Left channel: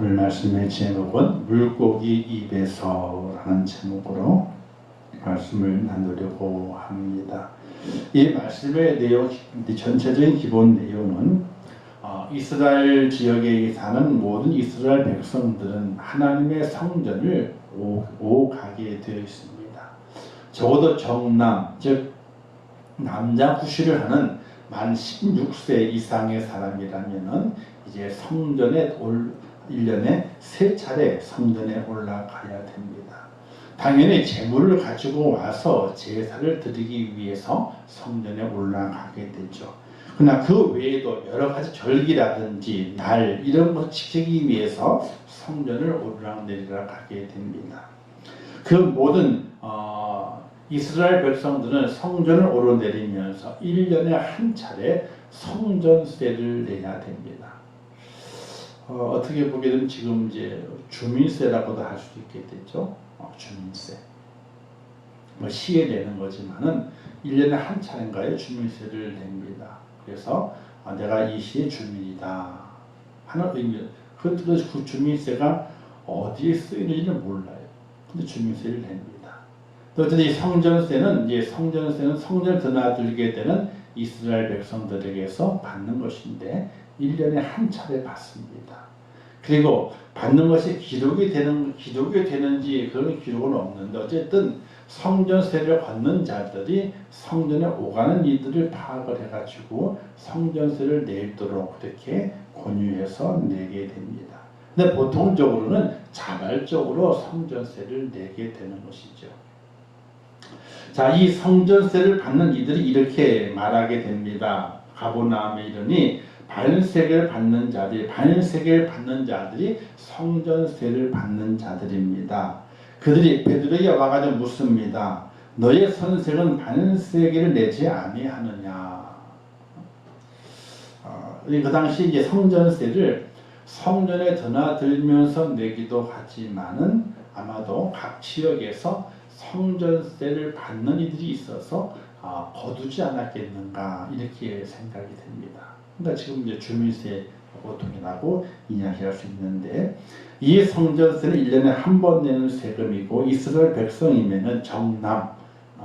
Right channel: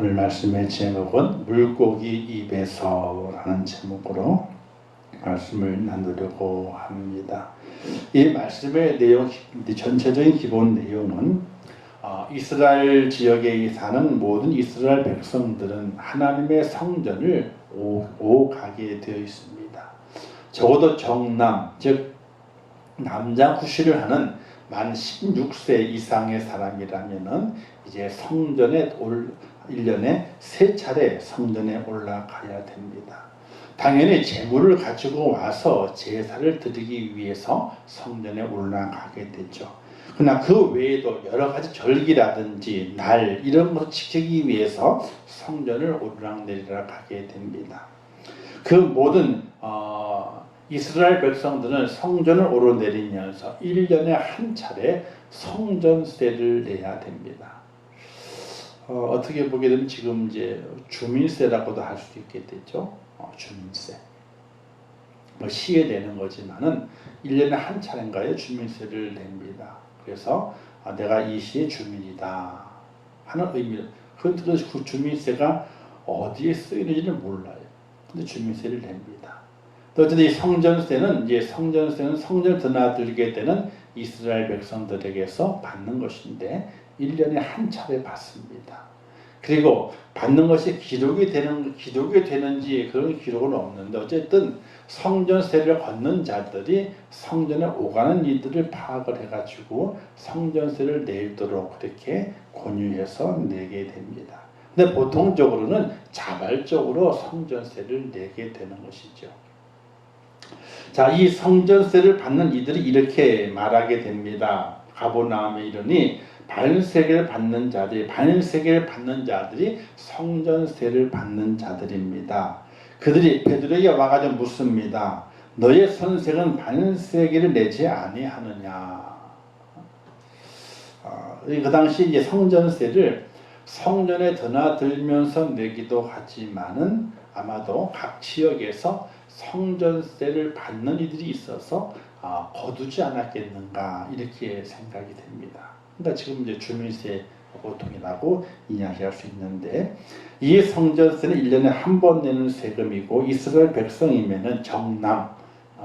오늘 말씀의 제목은 물고기 입에서라는 제목으로 말씀을 나누려고 합니다. 이 말씀의 내용, 전체적인 기본 내용은 이스라엘 지역에 사는 모든 이스라엘 백성들은 하나님의 성전을 오가게 되어 있습니다. 적어도 정남, 즉 남자 후시를 하는 만 16세 이상의 사람이라면은 이제 성전에 1년에 3차례 성전에 올라가야 됩니다. 당연히 제물을 가지고 와서 제사를 드리기 위해서 성전에 올라가게 되죠. 그러나 그 외에도 여러 가지 절기라든지 날 이런 것을 지키기 위해서 성전을 오르락내리락 하게 됩니다. 그 모든 이스라엘 백성들은 성전을 오르내리면서 1년에 한 차례 성전세를 내야 됩니다. 어떻게 보기에는 지금 이제 주민세라고도 할 수도 있겠죠. 주민세. 시에 내는 거지만은 1년에 한 차례인가에 주민세를 냅니다. 그래서 내가 이 시의 주민이다 하는 의미. 그 주민세가 어디에 쓰이는지는 몰라요. 근데 주민세를 냅니다. 또 어쨌든 이 성전세는 성전을 드나들게 되는 이스라엘 백성들에게서 받는 것인데 1년에 한 차례 받습니다. 그리고 받는 것이 기록이 되는지 그런 기록은 없는데 어쨌든 성전세를 얻는 자들이 성전에 오가는 이들을 파악을 해가지고 성전세를 내도록 그렇게 권유해서 내게 됩니다. 근데 보통적으로는 자발적으로 성전세를 내게 되는 것이죠. 자, 이 성전세를 받는 이들이 이렇게 말하게 됩니다. 가버나움에 이르니 반세계를 받는 자들이 성전세를 받는 자들입니다. 그들이 베드로에게 와가지고 묻습니다. 너의 선생은 반세계를 내지 아니하느냐? 그 당시 이제 성전세를 성전에 드나들면서 내기도 하지만은 아마도 각 지역에서 성전세를 받는 이들이 있어서 거두지 않았겠는가 이렇게 생각이 됩니다. 그러니까 지금 이제 주민세 보통이라고 이야기할 수 있는데 이 성전세는 1년에 한 번 내는 세금이고 이스라엘 백성이면은 정남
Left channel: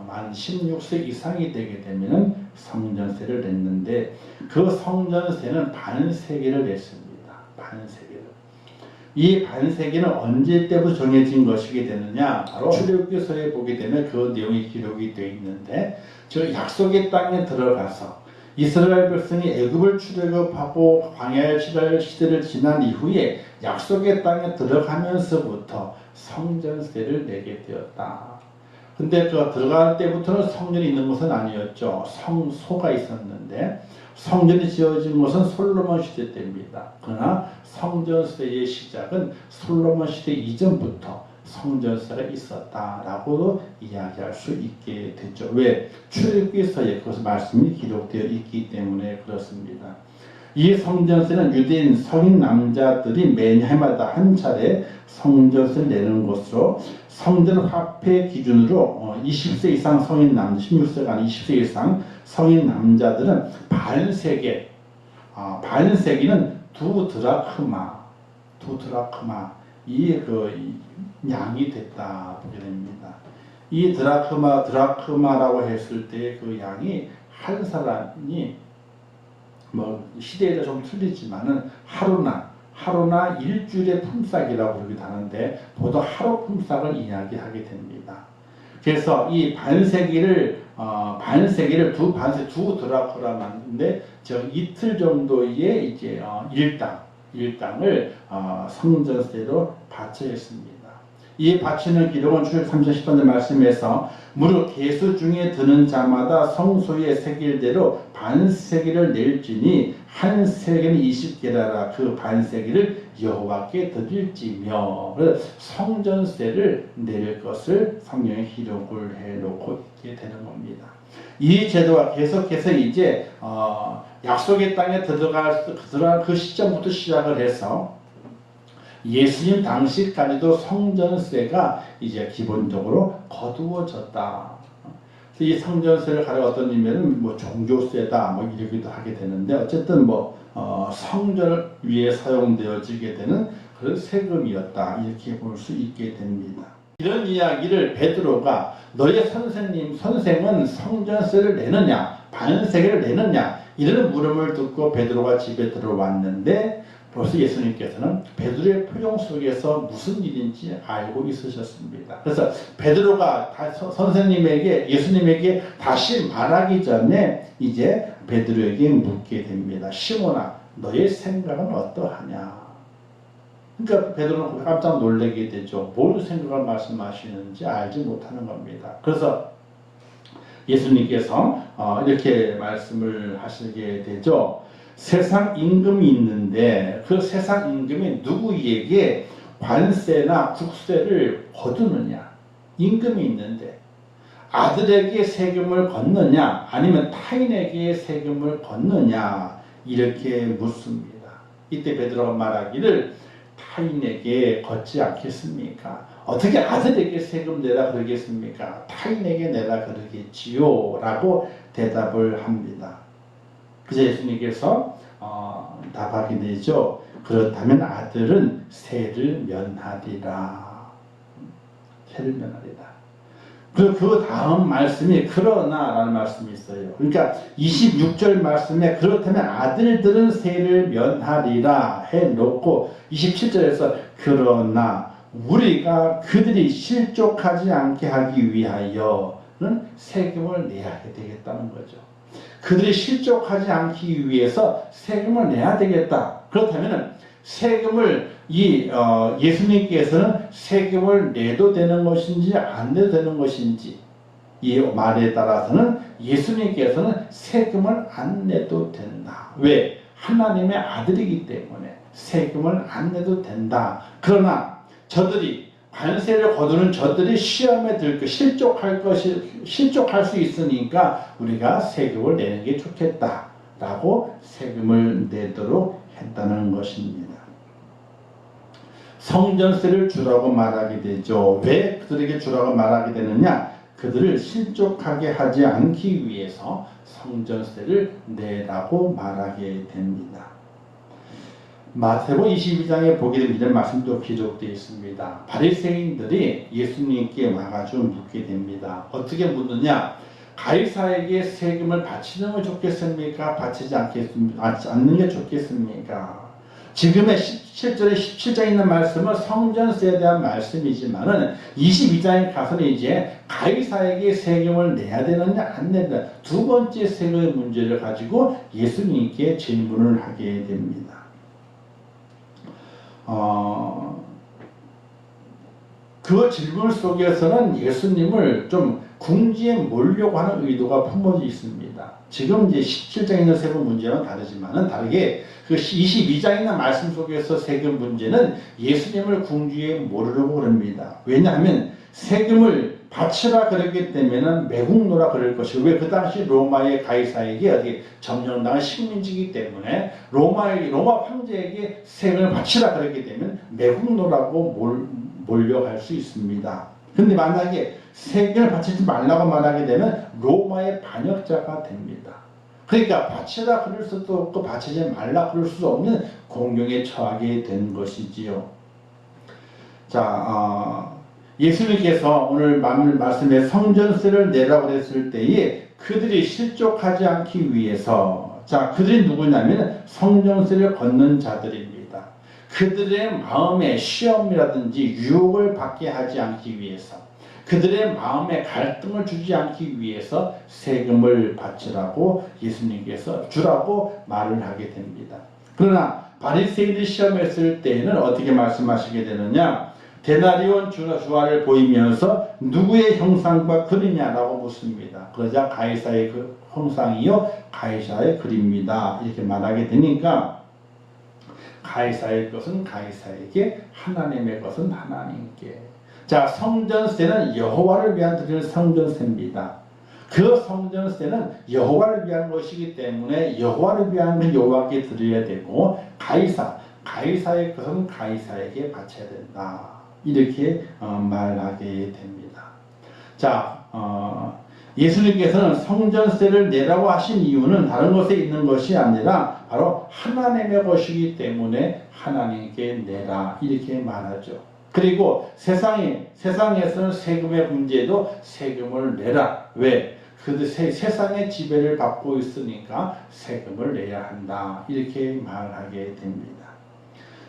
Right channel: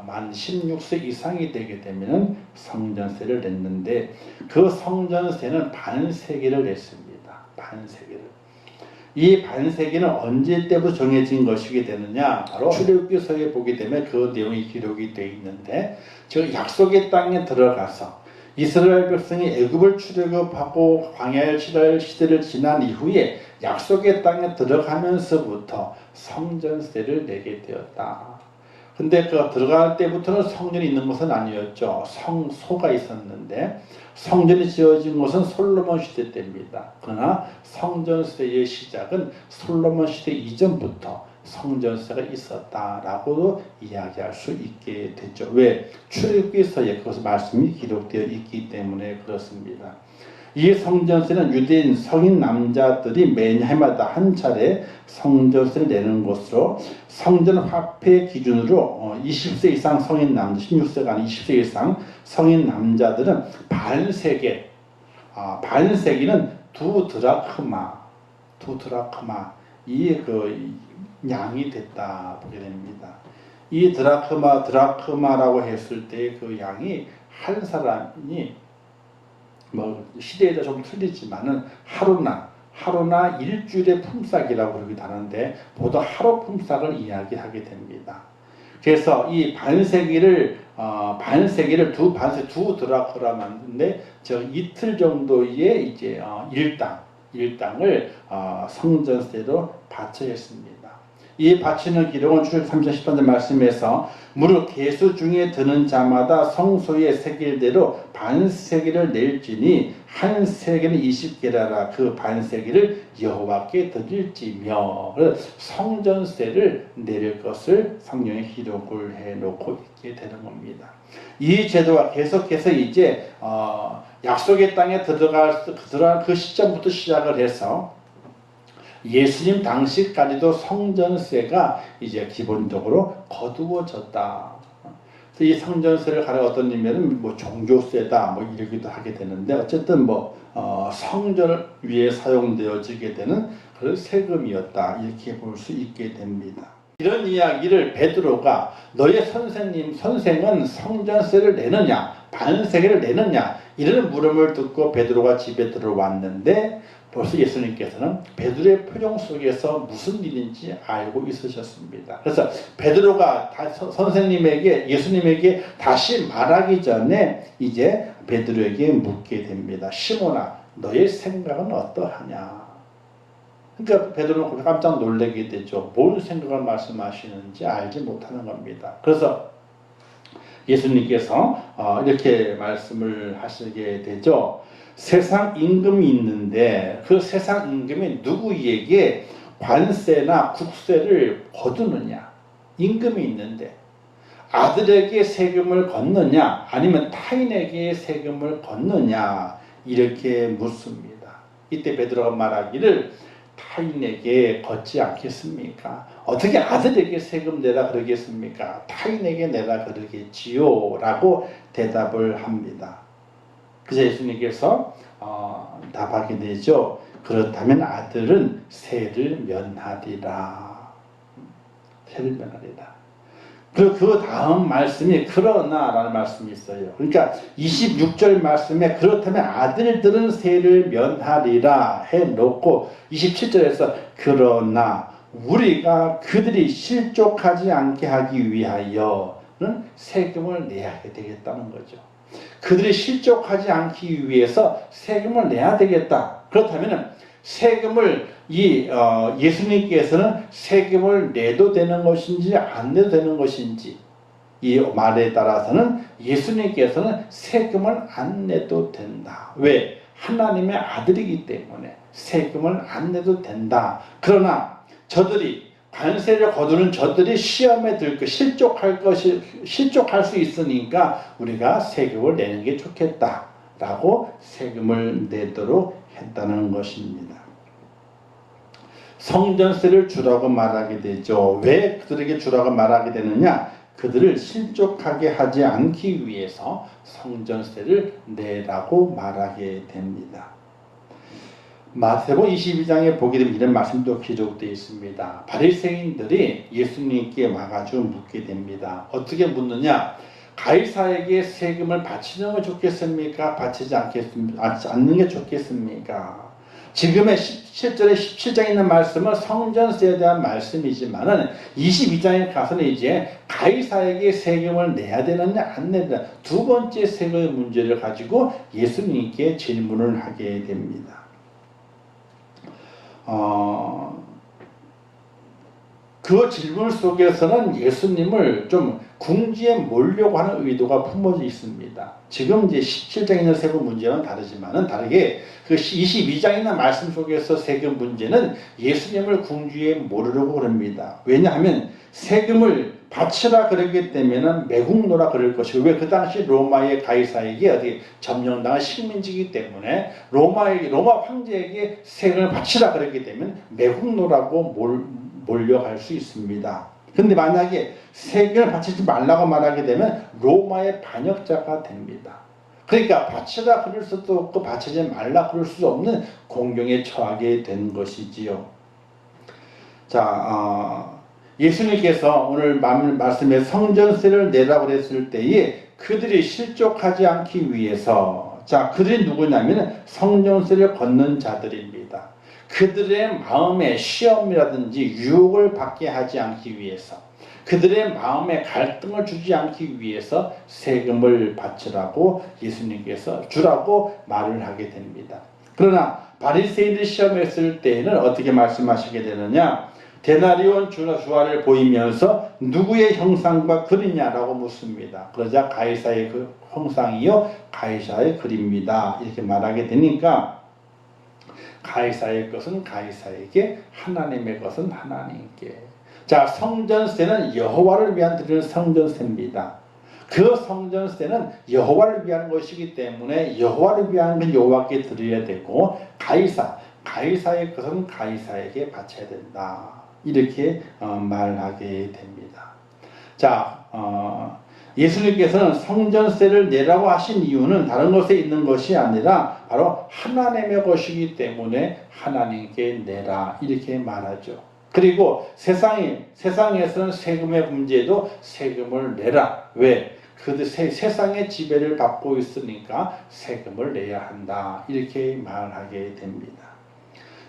만 16세 이상이 되게 되면은 성전세를 냈는데 그 성전세는 반세계를 냈습니다. 반세계를. 이 반세기는 언제 때부터 정해진 것이게 되느냐? 바로 출애굽기서에 보게 되면 그 내용이 기록이 되어 있는데 저 약속의 땅에 들어가서 이스라엘 백성이 애굽을 출애굽하고 광야의 시대를 지난 이후에 약속의 땅에 들어가면서부터 성전세를 내게 되었다. 근데 그 들어갈 때부터는 성전이 있는 것은 아니었죠. 성소가 있었는데 성전이 지어진 것은 솔로몬 시대 때입니다. 그러나 성전세의 시작은 솔로몬 시대 이전부터 성전세가 있었다라고도 이야기할 수 있게 됐죠. 왜? 출애굽기서에 그것의 말씀이 기록되어 있기 때문에 그렇습니다. 이 성전세는 유대인 성인 남자들이 매해마다 한 차례 성전세를 내는 것으로 성전 화폐 기준으로 20세 이상 성인 남자, 16세가 아닌 20세 이상 성인 남자들은 반세계, 반세기는 두 드라크마 이 양이 됐다 보게 됩니다. 이 드라크마라고 했을 때 그 양이 한 사람이 시대에 좀 틀리지만은 하루나 일주일의 품삯이라고 그러기도 하는데 보통 하루 품삯을 이야기하게 됩니다. 그래서 이 반세기를 두 드라크라 만드는데 이틀 정도의 이제 일당을 성전세로 바쳐야 했습니다. 이 바치는 기록은 출애굽 3장 10절 말씀에서 무릇 계수 중에 드는 자마다 성소의 세겔대로 반세기를 낼지니 한 세겔은 20게라라 그 반세기를 여호와께 드릴지며 성전세를 내릴 것을 성경에 기록을 해놓고 있게 되는 겁니다. 이 제도가 계속해서 이제 약속의 땅에 들어갈 그 시점부터 시작을 해서 예수님 당시까지도 성전세가 이제 기본적으로 거두어졌다. 이 성전세를 가려 어떤 의미는 종교세다 이러기도 하게 되는데 어쨌든 성전 위에 사용되어지게 되는 그 세금이었다. 이렇게 볼 수 있게 됩니다. 이런 이야기를 베드로가 너의 선생은 성전세를 내느냐 반세계를 내느냐 이런 물음을 듣고 베드로가 집에 들어왔는데 벌써 예수님께서는 베드로의 표정 속에서 무슨 일인지 알고 있으셨습니다. 그래서 베드로가 예수님에게 다시 말하기 전에 이제 베드로에게 묻게 됩니다. 시몬아, 너의 생각은 어떠하냐? 그러니까 베드로는 깜짝 놀라게 되죠. 뭔 생각을 말씀하시는지 알지 못하는 겁니다. 그래서 예수님께서 이렇게 말씀을 하시게 되죠. 세상 임금이 있는데 그 세상 임금이 누구에게 관세나 국세를 거두느냐? 임금이 있는데 아들에게 세금을 걷느냐 아니면 타인에게 세금을 걷느냐 이렇게 묻습니다. 이때 베드로가 말하기를 타인에게 걷지 않겠습니까? 어떻게 아들에게 세금 내라 그러겠습니까? 타인에게 내라 그러겠지요 라고 대답을 합니다. 그래서 예수님께서 답하게 되죠. 그렇다면 아들은 세를 면하리라. 세를 면하리라. 그 다음 말씀이 그러나라는 말씀이 있어요. 그러니까 26절 말씀에 그렇다면 아들들은 세를 면하리라 해놓고 27절에서 그러나 우리가 그들이 실족하지 않게 하기 위하여는 세금을 내야 되겠다는 거죠. 그들이 실족하지 않기 위해서 세금을 내야 되겠다. 그렇다면 세금을 예수님께서는 세금을 내도 되는 것인지 안 내도 되는 것인지 이 말에 따라서는 예수님께서는 세금을 안 내도 된다. 왜? 하나님의 아들이기 때문에 세금을 안 내도 된다. 그러나 저들이 관세를 거두는 저들이 시험에 실족할 수 있으니까 우리가 세금을 내는 게 좋겠다라고 세금을 내도록 했다는 것입니다. 성전세를 주라고 말하게 되죠. 왜 그들에게 주라고 말하게 되느냐? 그들을 실족하게 하지 않기 위해서 성전세를 내라고 말하게 됩니다. 마태복음 22장에 보게 되면 이런 말씀도 기록되어 있습니다. 바리새인들이 예수님께 와가지고 묻게 됩니다. 어떻게 묻느냐? 가이사에게 세금을 바치는 게 좋겠습니까? 바치지 않는 게 좋겠습니까? 지금의 17절에 17장에 있는 말씀은 성전세에 대한 말씀이지만은 22장에 가서는 이제 가이사에게 세금을 내야 되느냐 안 내야 두 번째 세금 문제를 가지고 예수님께 질문을 하게 됩니다. 그 질문 속에서는 예수님을 좀 궁지에 몰려고 하는 의도가 품어져 있습니다. 지금 이제 17장에 있는 세금 문제는 다르게 그 22장에 있는 말씀 속에서 세금 문제는 예수님을 궁지에 몰으려고 그럽니다. 왜냐하면 세금을 바치라 그랬기 때문에 매국노라 그럴 것이고 왜 그 당시 로마의 가이사에게 어디 점령당한 식민지이기 때문에 로마 황제에게 세금을 바치라 그랬기 때문에 매국노라고 몰려갈 수 있습니다. 근데 만약에 세금을 바치지 말라고 말하게 되면 로마의 반역자가 됩니다. 그러니까 바치라 그럴 수도 없고 바치지 말라 그럴 수도 없는 공경에 처하게 된 것이지요. 자, 예수님께서 오늘 말씀에 성전세를 내라고 했을 때에 그들이 실족하지 않기 위해서 그들이 누구냐면 성전세를 걷는 자들입니다. 그들의 마음에 시험이라든지 유혹을 받게 하지 않기 위해서 그들의 마음에 갈등을 주지 않기 위해서 세금을 바치라고 예수님께서 주라고 말을 하게 됩니다. 그러나 바리새인들이 시험했을 때에는 어떻게 말씀하시게 되느냐? 데나리온 주화를 보이면서 누구의 형상과 그리냐라고 묻습니다. 그러자 가이사의 그 형상이요 가이사의 글입니다. 이렇게 말하게 되니까 가이사의 것은 가이사에게 하나님의 것은 하나님께. 자, 성전세는 여호와를 위한 드리는 성전세입니다. 그 성전세는 여호와를 위한 것이기 때문에 여호와를 위한 건 여호와께 드려야 되고 가이사의 것은 가이사에게 바쳐야 된다. 이렇게 말하게 됩니다. 자, 예수님께서는 성전세를 내라고 하신 이유는 다른 곳에 있는 것이 아니라 바로 하나님의 것이기 때문에 하나님께 내라 이렇게 말하죠. 그리고 세상에서는 세금의 문제도 세금을 내라. 왜? 세상의 지배를 받고 있으니까 세금을 내야 한다. 이렇게 말하게 됩니다.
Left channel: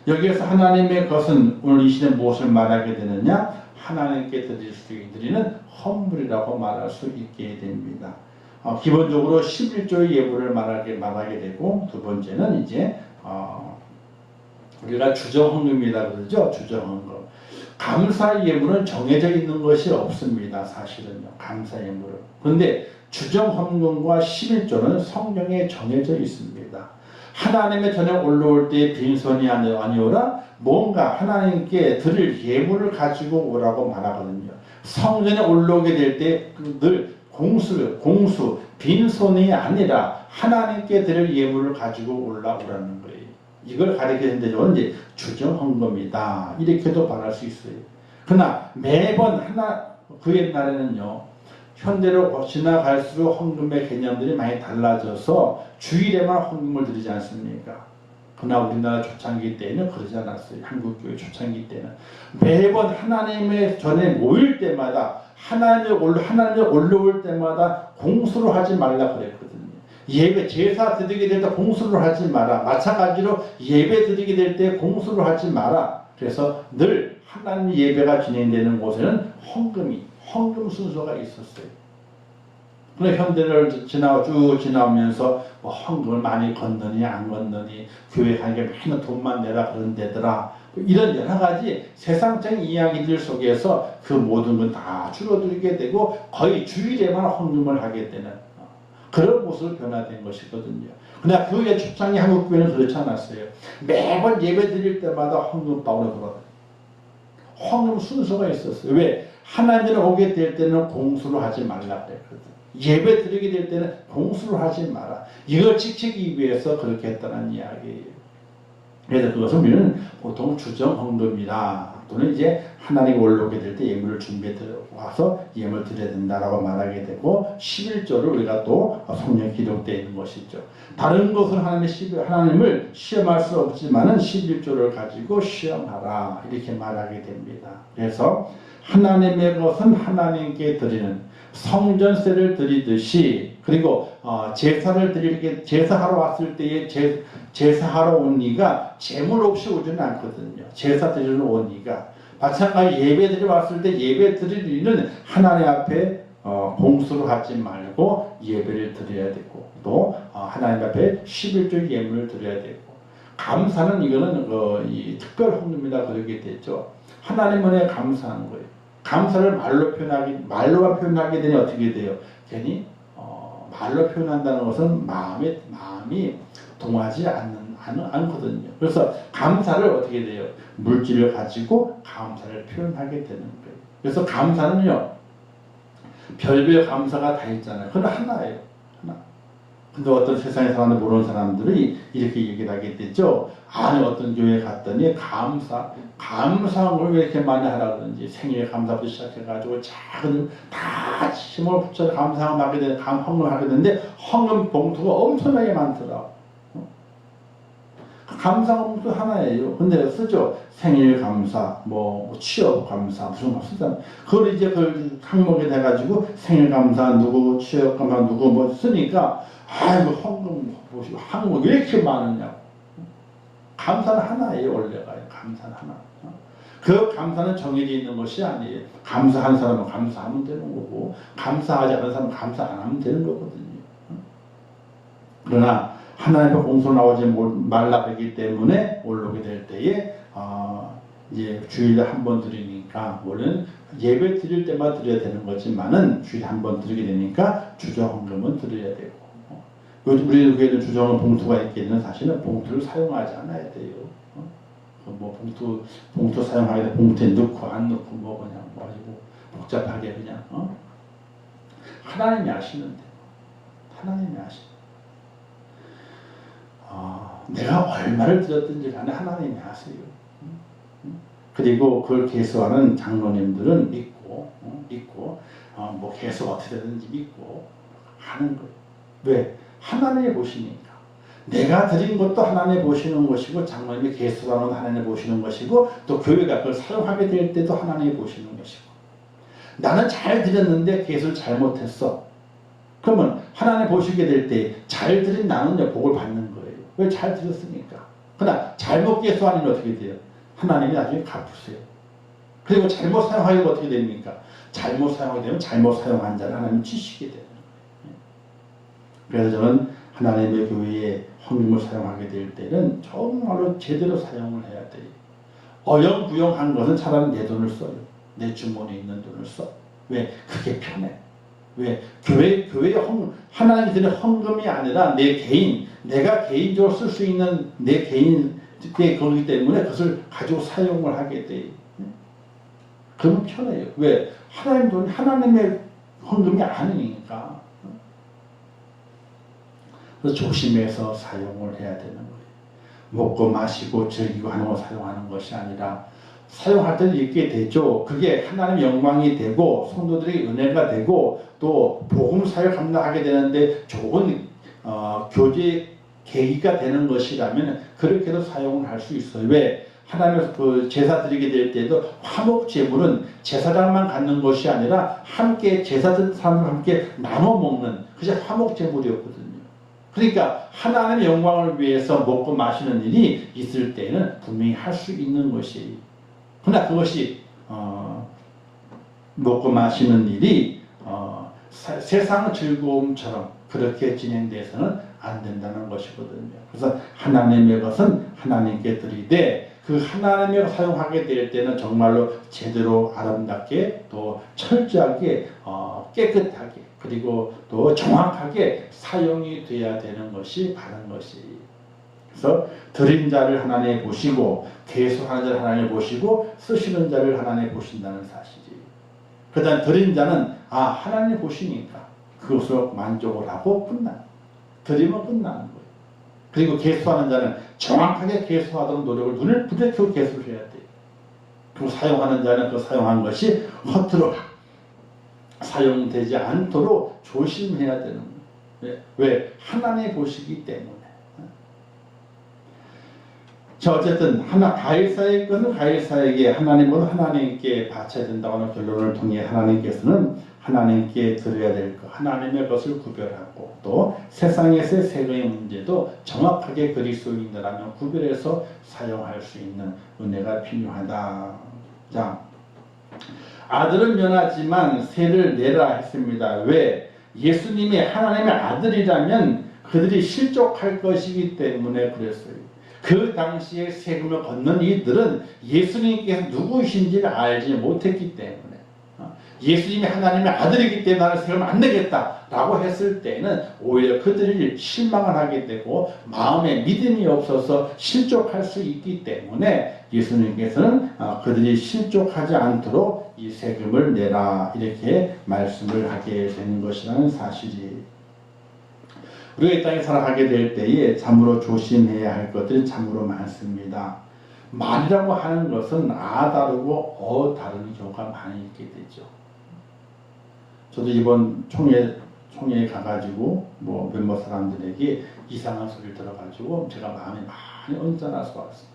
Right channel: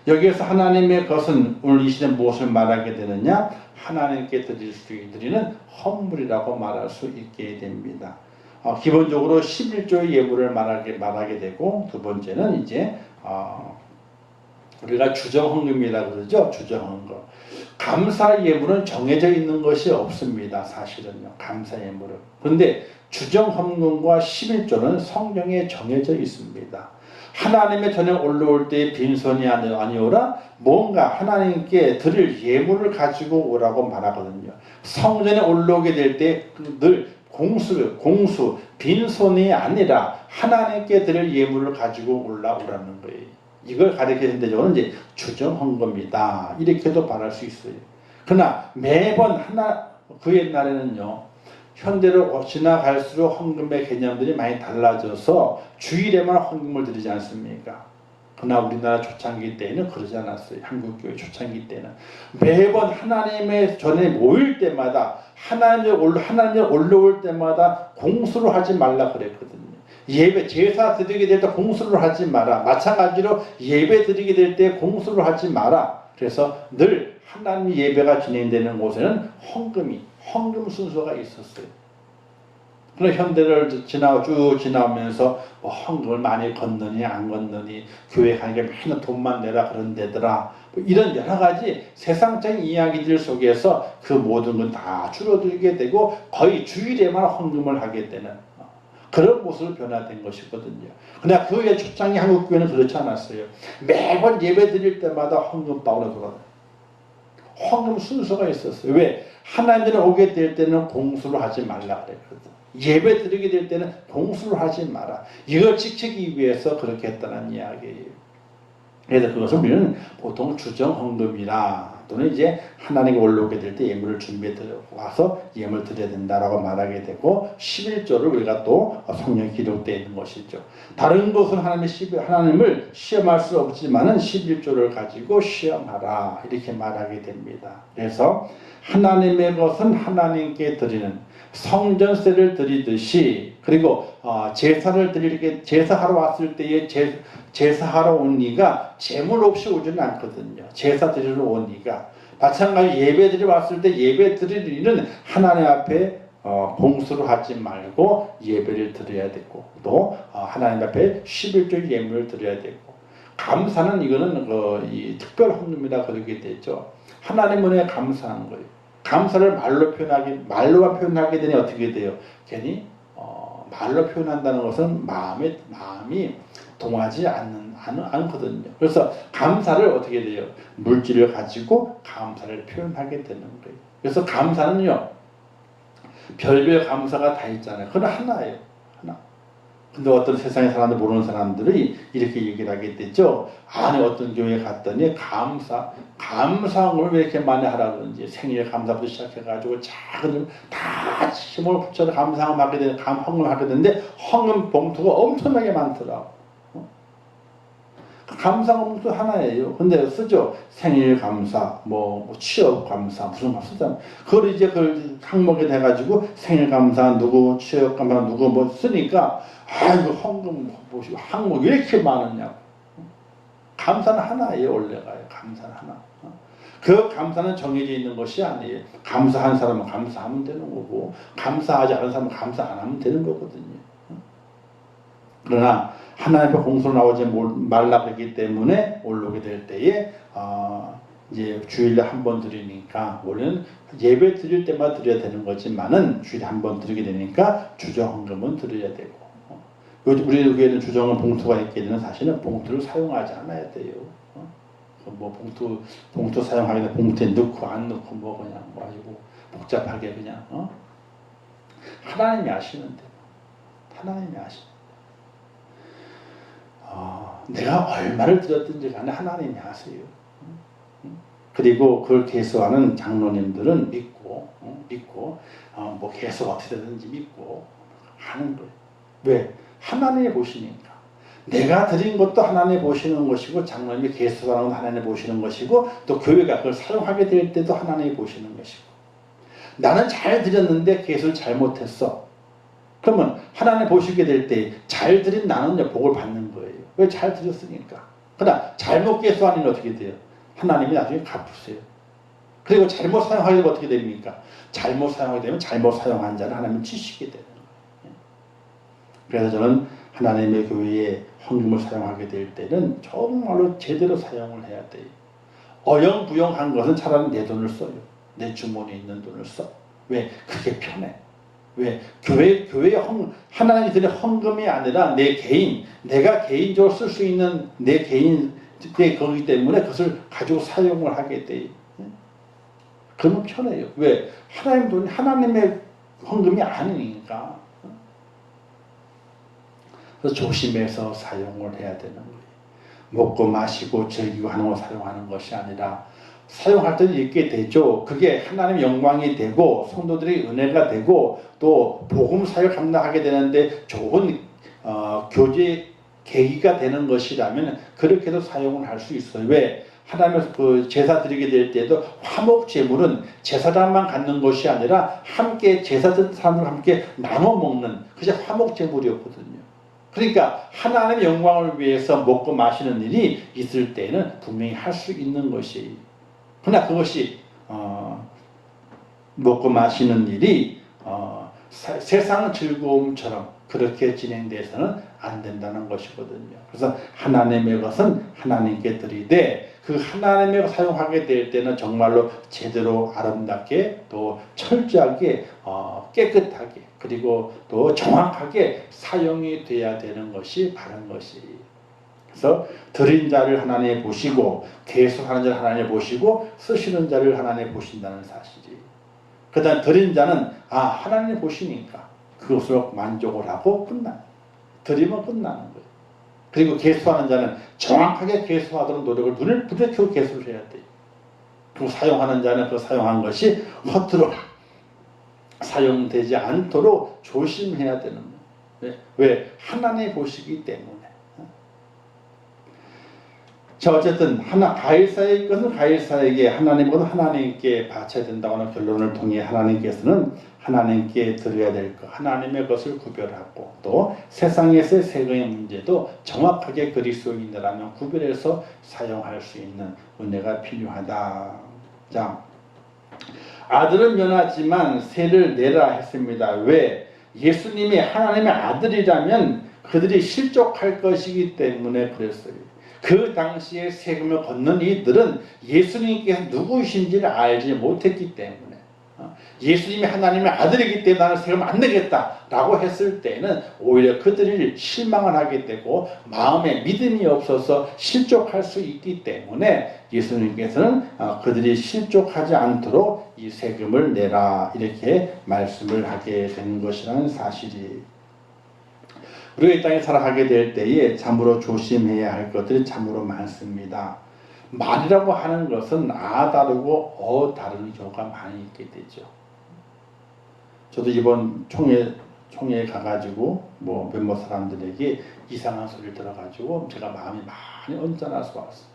여기에서 하나님의 것은 오늘 이 시대 무엇을 말하게 되느냐? 하나님께 드리는 헌물이라고 말할 수 있게 됩니다. 기본적으로 11조의 예물을 말하게 되고, 두 번째는 이제 우리가 주정헌금이라고 그러죠. 주정헌금. 감사 예물은 정해져 있는 것이 없습니다. 사실은요. 감사 예물은. 그런데 주정헌금과 11조는 성경에 정해져 있습니다. 하나님의 전에 올라올 때의 빈손이 아니오라 뭔가 하나님께 드릴 예물을 가지고 오라고 말하거든요. 성전에 올라오게 될 때 늘 공수, 빈손이 아니라 하나님께 드릴 예물을 가지고 올라오라는 거예요. 이걸 가리키는 데는 이제 주정헌금이다. 이렇게도 말할 수 있어요. 그러나 매번 그 옛날에는요, 현대로 지나갈수록 헌금의 개념들이 많이 달라져서 주일에만 헌금을 드리지 않습니까? 그러나 우리나라 초창기 때에는 그러지 않았어요. 한국교회 초창기 때는 매번 하나님의 전에 모일 때마다 하나님의 올라올 때마다 공수를 하지 말라 그랬거든요. 예배 제사 드리게 될 때 공수를 하지 마라. 마찬가지로 예배 드리게 될 때 공수를 하지 마라. 그래서 늘 하나님 예배가 진행되는 곳에는 헌금 순서가 있었어요. 그런 현대를 쭉 지나오면서 뭐 헌금을 많이 걷느니 안 걷느니 교회 가니까 맨날 돈만 내라 그런 데더라. 뭐 이런 여러 가지 세상적인 이야기들 속에서 그 모든 건 다 줄어들게 되고 거의 주일에만 헌금을 하게 되는 그런 모습으로 변화된 것이거든요. 그러나 그 초창기 한국교회는 그렇지 않았어요. 매번 예배 드릴 때마다 헌금방으로 돌아가요. 헌금 순서가 있었어요. 왜? 하나님을 오게 될 때는 공수를 하지 말라 그랬거든. 예배 드리게 될 때는 공수를 하지 마라. 이걸 지키기 위해서 그렇게 했다는 이야기예요. 그래서 그것을 우리는 보통 주정헌금이라 또는 이제 하나님께 올라오게 될 때 예물을 준비해 와서 예물 드려야 된다라고 말하게 되고 11조를 우리가 또 성경에 기록되어 있는 것이죠. 다른 것은 하나님을 시험할 수 없지만은 11조를 가지고 시험하라 이렇게 말하게 됩니다. 그래서 하나님의 것은 하나님께 드리는 성전세를 드리듯이 그리고 제사하러 왔을 때에 제사하러 온 이가 재물 없이 오지는 않거든요. 제사 드리러 온 이가 마찬가지 예배 드리러 왔을 때 예배 드릴 이는 하나님 앞에 공수를 하지 말고 예배를 드려야 되고 또 하나님 앞에 11조 예물을 드려야 되고 감사는 이거는 이 특별 헌금이라 그러게 되죠. 하나님 은혜에 감사하는 거예요. 감사를 말로만 표현하게 되니 어떻게 돼요? 괜히 말로 표현한다는 것은 마음이 동하지 않거든요. 그래서 감사를 어떻게 돼요? 물질을 가지고 감사를 표현하게 되는 거예요. 그래서 감사는요, 별별 감사가 다 있잖아요. 그건 하나예요. 하나. 근데 어떤 세상에 사람들 모르는 사람들이 이렇게 얘기를 하게 되죠. 안에 어떤 교회에 갔더니 감사함을 왜 이렇게 많이 하라고 그러는지 생일 감사부터 시작해가지고 작은 다 힘을 붙여서 감사함을 하게 되는 헌금을 하게 되는데 헌금 봉투가 엄청나게 많더라고. 감사 봉투 하나예요. 근데 쓰죠. 생일 감사, 뭐 취업 감사 무슨 거 쓰잖아요. 그걸 이제 그 항목에 돼가지고 생일 감사 누구 취업 감사 누구 뭐 쓰니까 아이고 헌금 보시고 항목 왜 이렇게 많으냐고. 감사는 하나예요. 원래가요. 감사는 하나. 그 감사는 정해져 있는 것이 아니에요. 감사한 사람은 감사하면 되는 거고 감사하지 않은 사람은 감사 안 하면 되는 거거든요. 그러나 하나님의 공수로 나오지 말라 그랬기 때문에 올라오게 될 때에 이제 주일에 한 번 드리니까 원래는 예배 드릴 때만 드려야 되는 거지만은 주일에 한 번 드리게 되니까 주정헌금은 드려야 되고 우리 교회는 주정헌금 봉투가 있게 되면 사실은 봉투를 사용하지 않아야 돼요. 뭐 봉투 사용하게 되면 봉투에 넣고 안 넣고 뭐 그냥 뭐 가지고 복잡하게 그냥 하나님이 아시는데 하나님이 아시는. 내가 얼마를 드렸든지 간에 하나님이 아세요. 그리고 그걸 개수하는 장로님들은 믿고 뭐 개수 어떻게 되든지 믿고 하는 거예요. 왜? 하나님이 보시니까. 내가 드린 것도 하나님 보시는 것이고 장로님이 개수하는 것도 하나님 보시는 것이고 또 교회가 그걸 사용하게 될 때도 하나님 보시는 것이고 나는 잘 드렸는데 개수를 잘못했어. 그러면 하나님 보시게 될 때 잘 드린 나는 복을 받는 거예요. 왜 잘 드렸으니까. 그러나 잘못 개수하는 어떻게 돼요? 하나님이 나중에 갚으세요. 그리고 잘못 사용하게 되면 어떻게 됩니까? 잘못 사용하게 되면 잘못 사용한 자는 하나님 치시게 되는 거예요. 그래서 저는 하나님의 교회에 헌금을 사용하게 될 때는 정말로 제대로 사용을 해야 돼요. 어영부영한 것은 차라리 내 돈을 써요. 내 주머니에 있는 돈을 써. 왜? 그게 편해. 왜? 교회에 하나님 드리는 헌금이 아니라 내 개인, 내가 개인적으로 쓸 수 있는 내 개인 거기 때문에 그것을 가지고 사용을 하게 돼요. 그러면 편해요. 왜? 하나님 돈이 하나님의 헌금이 아니니까. 그래서 조심해서 사용을 해야 되는 거예요. 먹고 마시고 즐기고 하는 걸 사용하는 것이 아니라 사용할 때도 있게 되죠. 그게 하나님의 영광이 되고 성도들의 은혜가 되고 또 복음 사역을 감당하게 되는데 좋은 교제 계기가 되는 것이라면 그렇게도 사용을 할 수 있어요. 왜? 하나님께서 그 제사 드리게 될 때도 화목 제물은 제사장만 갖는 것이 아니라 함께 제사 드는 사람을 함께 나눠 먹는 그게 화목 제물이었거든요. 그러니까 하나님의 영광을 위해서 먹고 마시는 일이 있을 때는 분명히 할 수 있는 것이에요. 그러나 그것이 먹고 마시는 일이 세상 즐거움처럼 그렇게 진행돼서는 안 된다는 것이거든요. 그래서 하나님의 것은 하나님께 드리되 그 하나님의 것 사용하게 될 때는 정말로 제대로 아름답게 또 철저하게 깨끗하게 그리고 또 정확하게 사용이 돼야 되는 것이 바른 것이에요. 그래서 드린 자를 하나님 보시고 계속하는 자를 하나님 보시고 쓰시는 자를 하나님 보신다는 사실이에요. 그 다음 드린 자는 하나님 보시니까 그것으로 만족을 하고 드리면 끝나는 거예요. 그리고 계수하는 자는 정확하게 계수하도록 노력을 눈을 부대켜서 계수를 해야 돼요. 그리고 사용하는 자는 그 사용한 것이 허투루 사용되지 않도록 조심해야 되는 거예요. 왜? 하나님 보시기 때문에. 자, 어쨌든 가이사의 것은 가이사에게 하나님 것은 하나님께 바쳐야 된다고 하는 결론을 통해 하나님께서는 하나님께 드려야 될 것, 하나님의 것을 구별하고 또 세상에서의 세금의 문제도 정확하게 그리스도인이라면 구별해서 사용할 수 있는 은혜가 필요하다. 자, 아들은 면하지만 세를 내라 했습니다. 왜? 예수님이 하나님의 아들이라면 그들이 실족할 것이기 때문에 그랬어요. 그 당시에 세금을 걷는 이들은 예수님께서 누구이신지를 알지 못했기 때문에 예수님이 하나님의 아들이기 때문에 나는 세금을 안 내겠다라고 했을 때는 오히려 그들이 실망을 하게 되고 마음에 믿음이 없어서 실족할 수 있기 때문에 예수님께서는 그들이 실족하지 않도록 이 세금을 내라 이렇게 말씀을 하게 되는 것이라는 사실이 우리가 이 땅에 살아가게 될 때에 참으로 조심해야 할 것들이 참으로 많습니다. 말이라고 하는 것은 다르고 다른 경우가 많이 있게 되죠. 저도 이번 총회에 가가지고 몇몇 사람들에게 이상한 소리를 들어가지고 제가 마음이 많이 언짢아서 왔어요.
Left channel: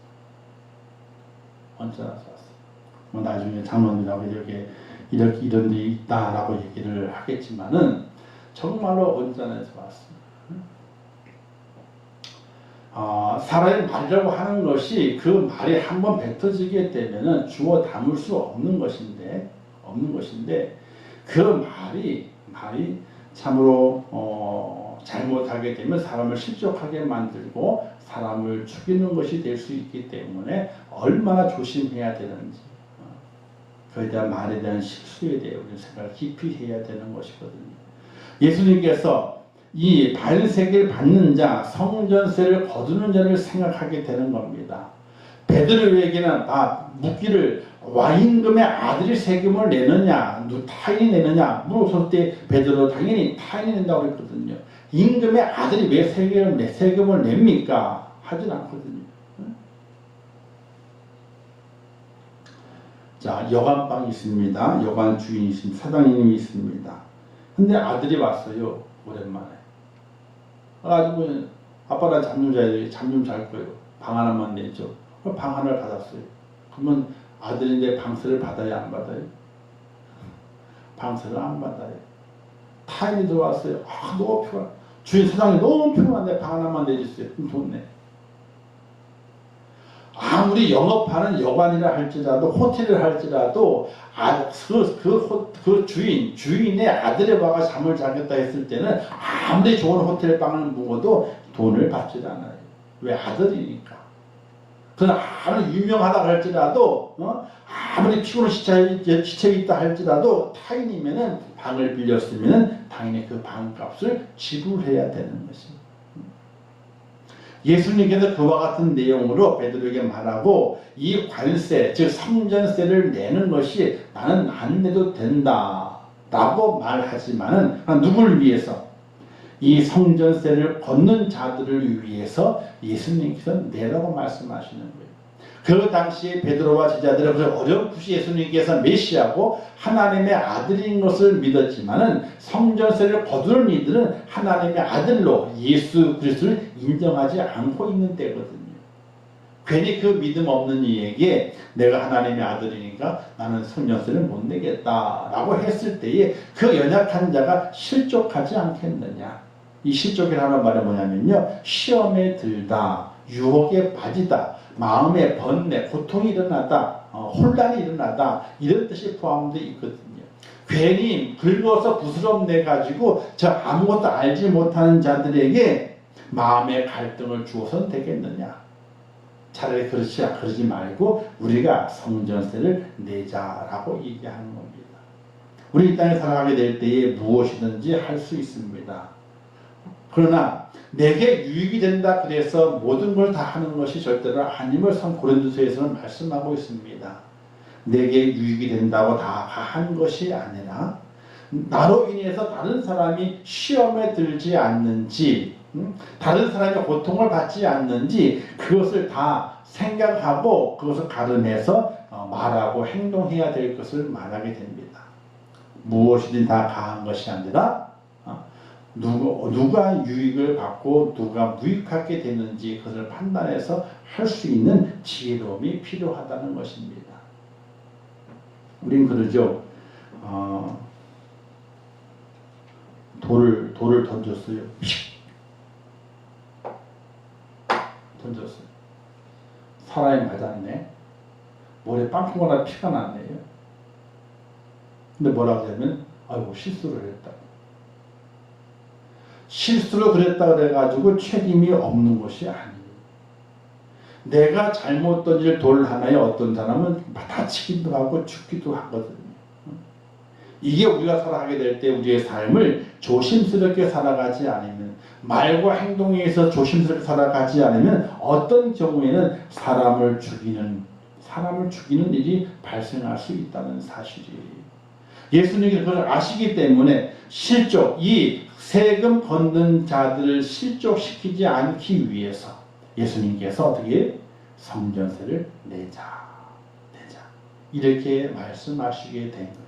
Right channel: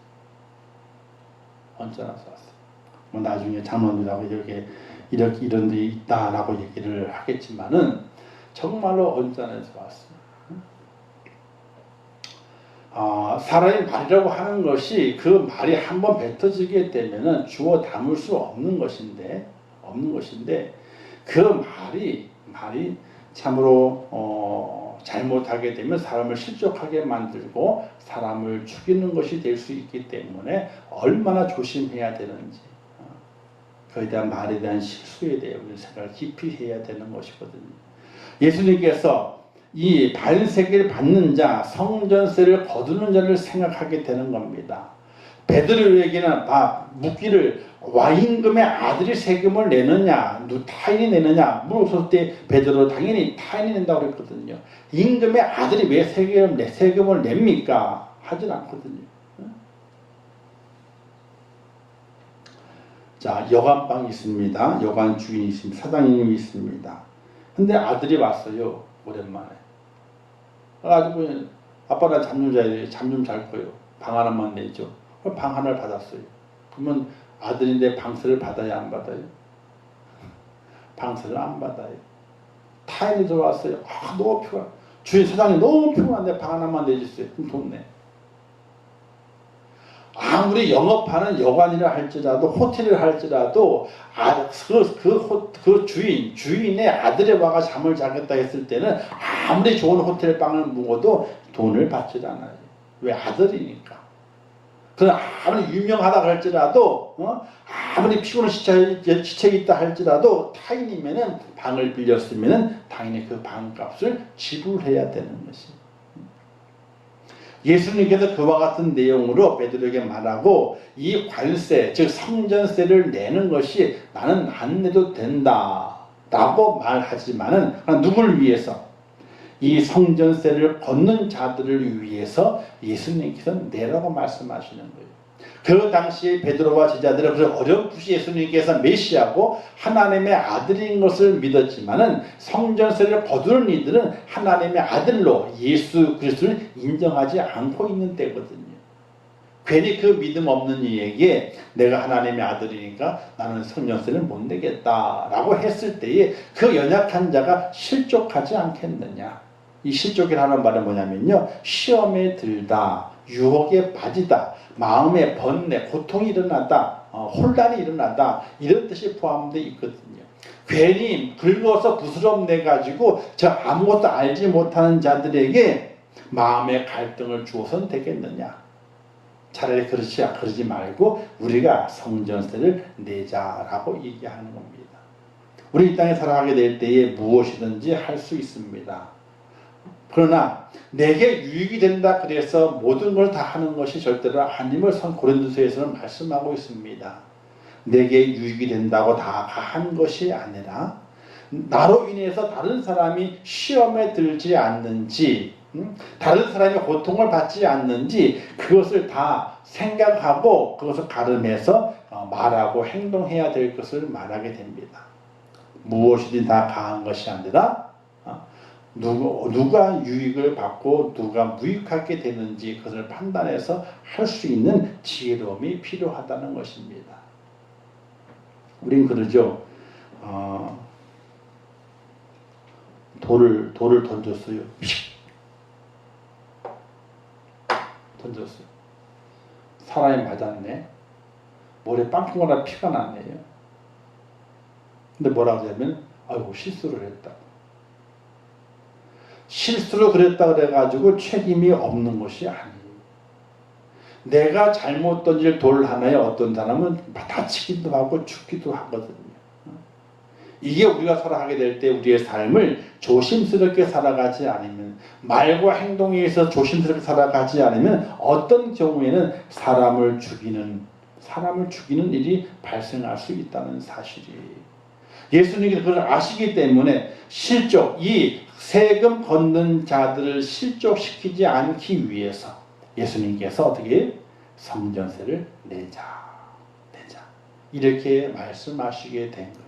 나중에 장로님하고 이런 데 있다라고 얘기를 하겠지만은 정말로 언짢아서 왔어요. 사람이 말이라고 하는 것이 그 말이 한번 뱉어지게 되면은 주워 담을 수 없는 것인데 그 말이 참으로 잘못하게 되면 사람을 실족하게 만들고 사람을 죽이는 것이 될 수 있기 때문에 얼마나 조심해야 되는지 그에 대한 말에 대한 실수에 대해 우리 생각을 깊이 해야 되는 것이거든요. 예수님께서 이 반세계를 받는 자, 성전세를 거두는 자를 생각하게 되는 겁니다. 베드로에게는 묻기를 와인금의 아들이 세금을 내느냐, 타인이 내느냐 물었을 때 베드로 당연히 타인이 낸다고 그랬거든요. 임금의 아들이 왜 세금을 냅니까? 하진 않거든요. 자, 여관방이 있습니다. 여관 주인이 있습니다. 사장님이 있습니다. 근데 아들이 왔어요. 오랜만에. 아빠가 잠 좀 자야 돼. 잠 좀 잘 거예요. 방 하나만 내죠. 방 하나를 받았어요. 그러면 아들인데 방세를 받아야 안 받아요? 방세를 안 받아요. 타인이 들어왔어요. 아, 너무 피곤해. 주인 사장님 너무 피곤한데 방 하나만 내주세요. 그럼 돈 내. 아무리 영업하는 여관이라 할지라도 호텔을 할지라도 그 주인의 아들의 와가 잠을 자겠다 했을 때는 아무리 좋은 호텔 방을 묵어도 돈을 받지 않아요. 왜? 아들이니까. 그는 아무리 유명하다 할지라도 아무리 피곤한 지책이 있다 할지라도 타인이면은 방을 빌렸으면은 당연히 그 방값을 지불해야 되는 것입니다. 예수님께서 그와 같은 내용으로 베드로에게 말하고 이 관세, 즉 성전세를 내는 것이 나는 안 내도 된다 라고 말하지만은 누구를 위해서? 이 성전세를 걷는 자들을 위해서 예수님께서 내라고 말씀하시는 거예요. 그 당시에 베드로와 제자들은 어렴풋이 예수님께서 메시아고 하나님의 아들인 것을 믿었지만은 성전세를 거두는 이들은 하나님의 아들로 예수 그리스도를 인정하지 않고 있는 때거든요. 괜히 그 믿음 없는 이에게 내가 하나님의 아들이니까 나는 성전세를 못 내겠다라고 했을 때에 그 연약한 자가 실족하지 않겠느냐. 이 실족이라는 말은 뭐냐면요, 시험에 들다, 유혹에 빠지다, 마음의 번뇌, 고통이 일어나다, 혼란이 일어나다, 이런 뜻이 포함되어 있거든요. 괜히 긁어서 부스럼내 가지고 저 아무것도 알지 못하는 자들에게 마음의 갈등을 주어서는 되겠느냐. 차라리 그러지 말고 우리가 성전세를 내자라고 얘기하는 겁니다. 우리 이 땅에 살아가게 될 때에 무엇이든지 할 수 있습니다. 그러나 내게 유익이 된다 그래서 모든 걸 다 하는 것이 절대로 아님을 고린도서에서는 말씀하고 있습니다. 내게 유익이 된다고 다 한 것이 아니라 나로 인해서 다른 사람이 시험에 들지 않는지, 다른 사람이 고통을 받지 않는지 그것을 다 생각하고 그것을 가름해서 말하고 행동해야 될 것을 말하게 됩니다. 무엇이든 다 가한 것이 아니라 누가 유익을 받고 누가 무익하게 되는지 그것을 판단해서 할 수 있는 지혜로움이 필요하다는 것입니다. 우린 그러죠. 돌을 던졌어요. 던졌어요. 사람이 맞았네. 머리에 빵꾸가 피가 났네요. 근데 뭐라고 하냐면 아이고 실수를 했다. 실수로 그랬다 그래가지고 책임이 없는 것이 아니에요. 내가 잘못 던질 돌 하나에 어떤 사람은 다치기도 하고 죽기도 하거든요. 이게 우리가 살아가게 될 때 우리의 삶을 조심스럽게 살아가지 않으면, 말과 행동에 의해서 조심스럽게 살아가지 않으면 어떤 경우에는 사람을 죽이는 일이 발생할 수 있다는 사실이에요. 예수님께서 그걸 아시기 때문에 이 세금 걷는 자들을 실족시키지 않기 위해서 예수님께서 어떻게 성전세를 내자 이렇게 말씀하시게 된 거예요.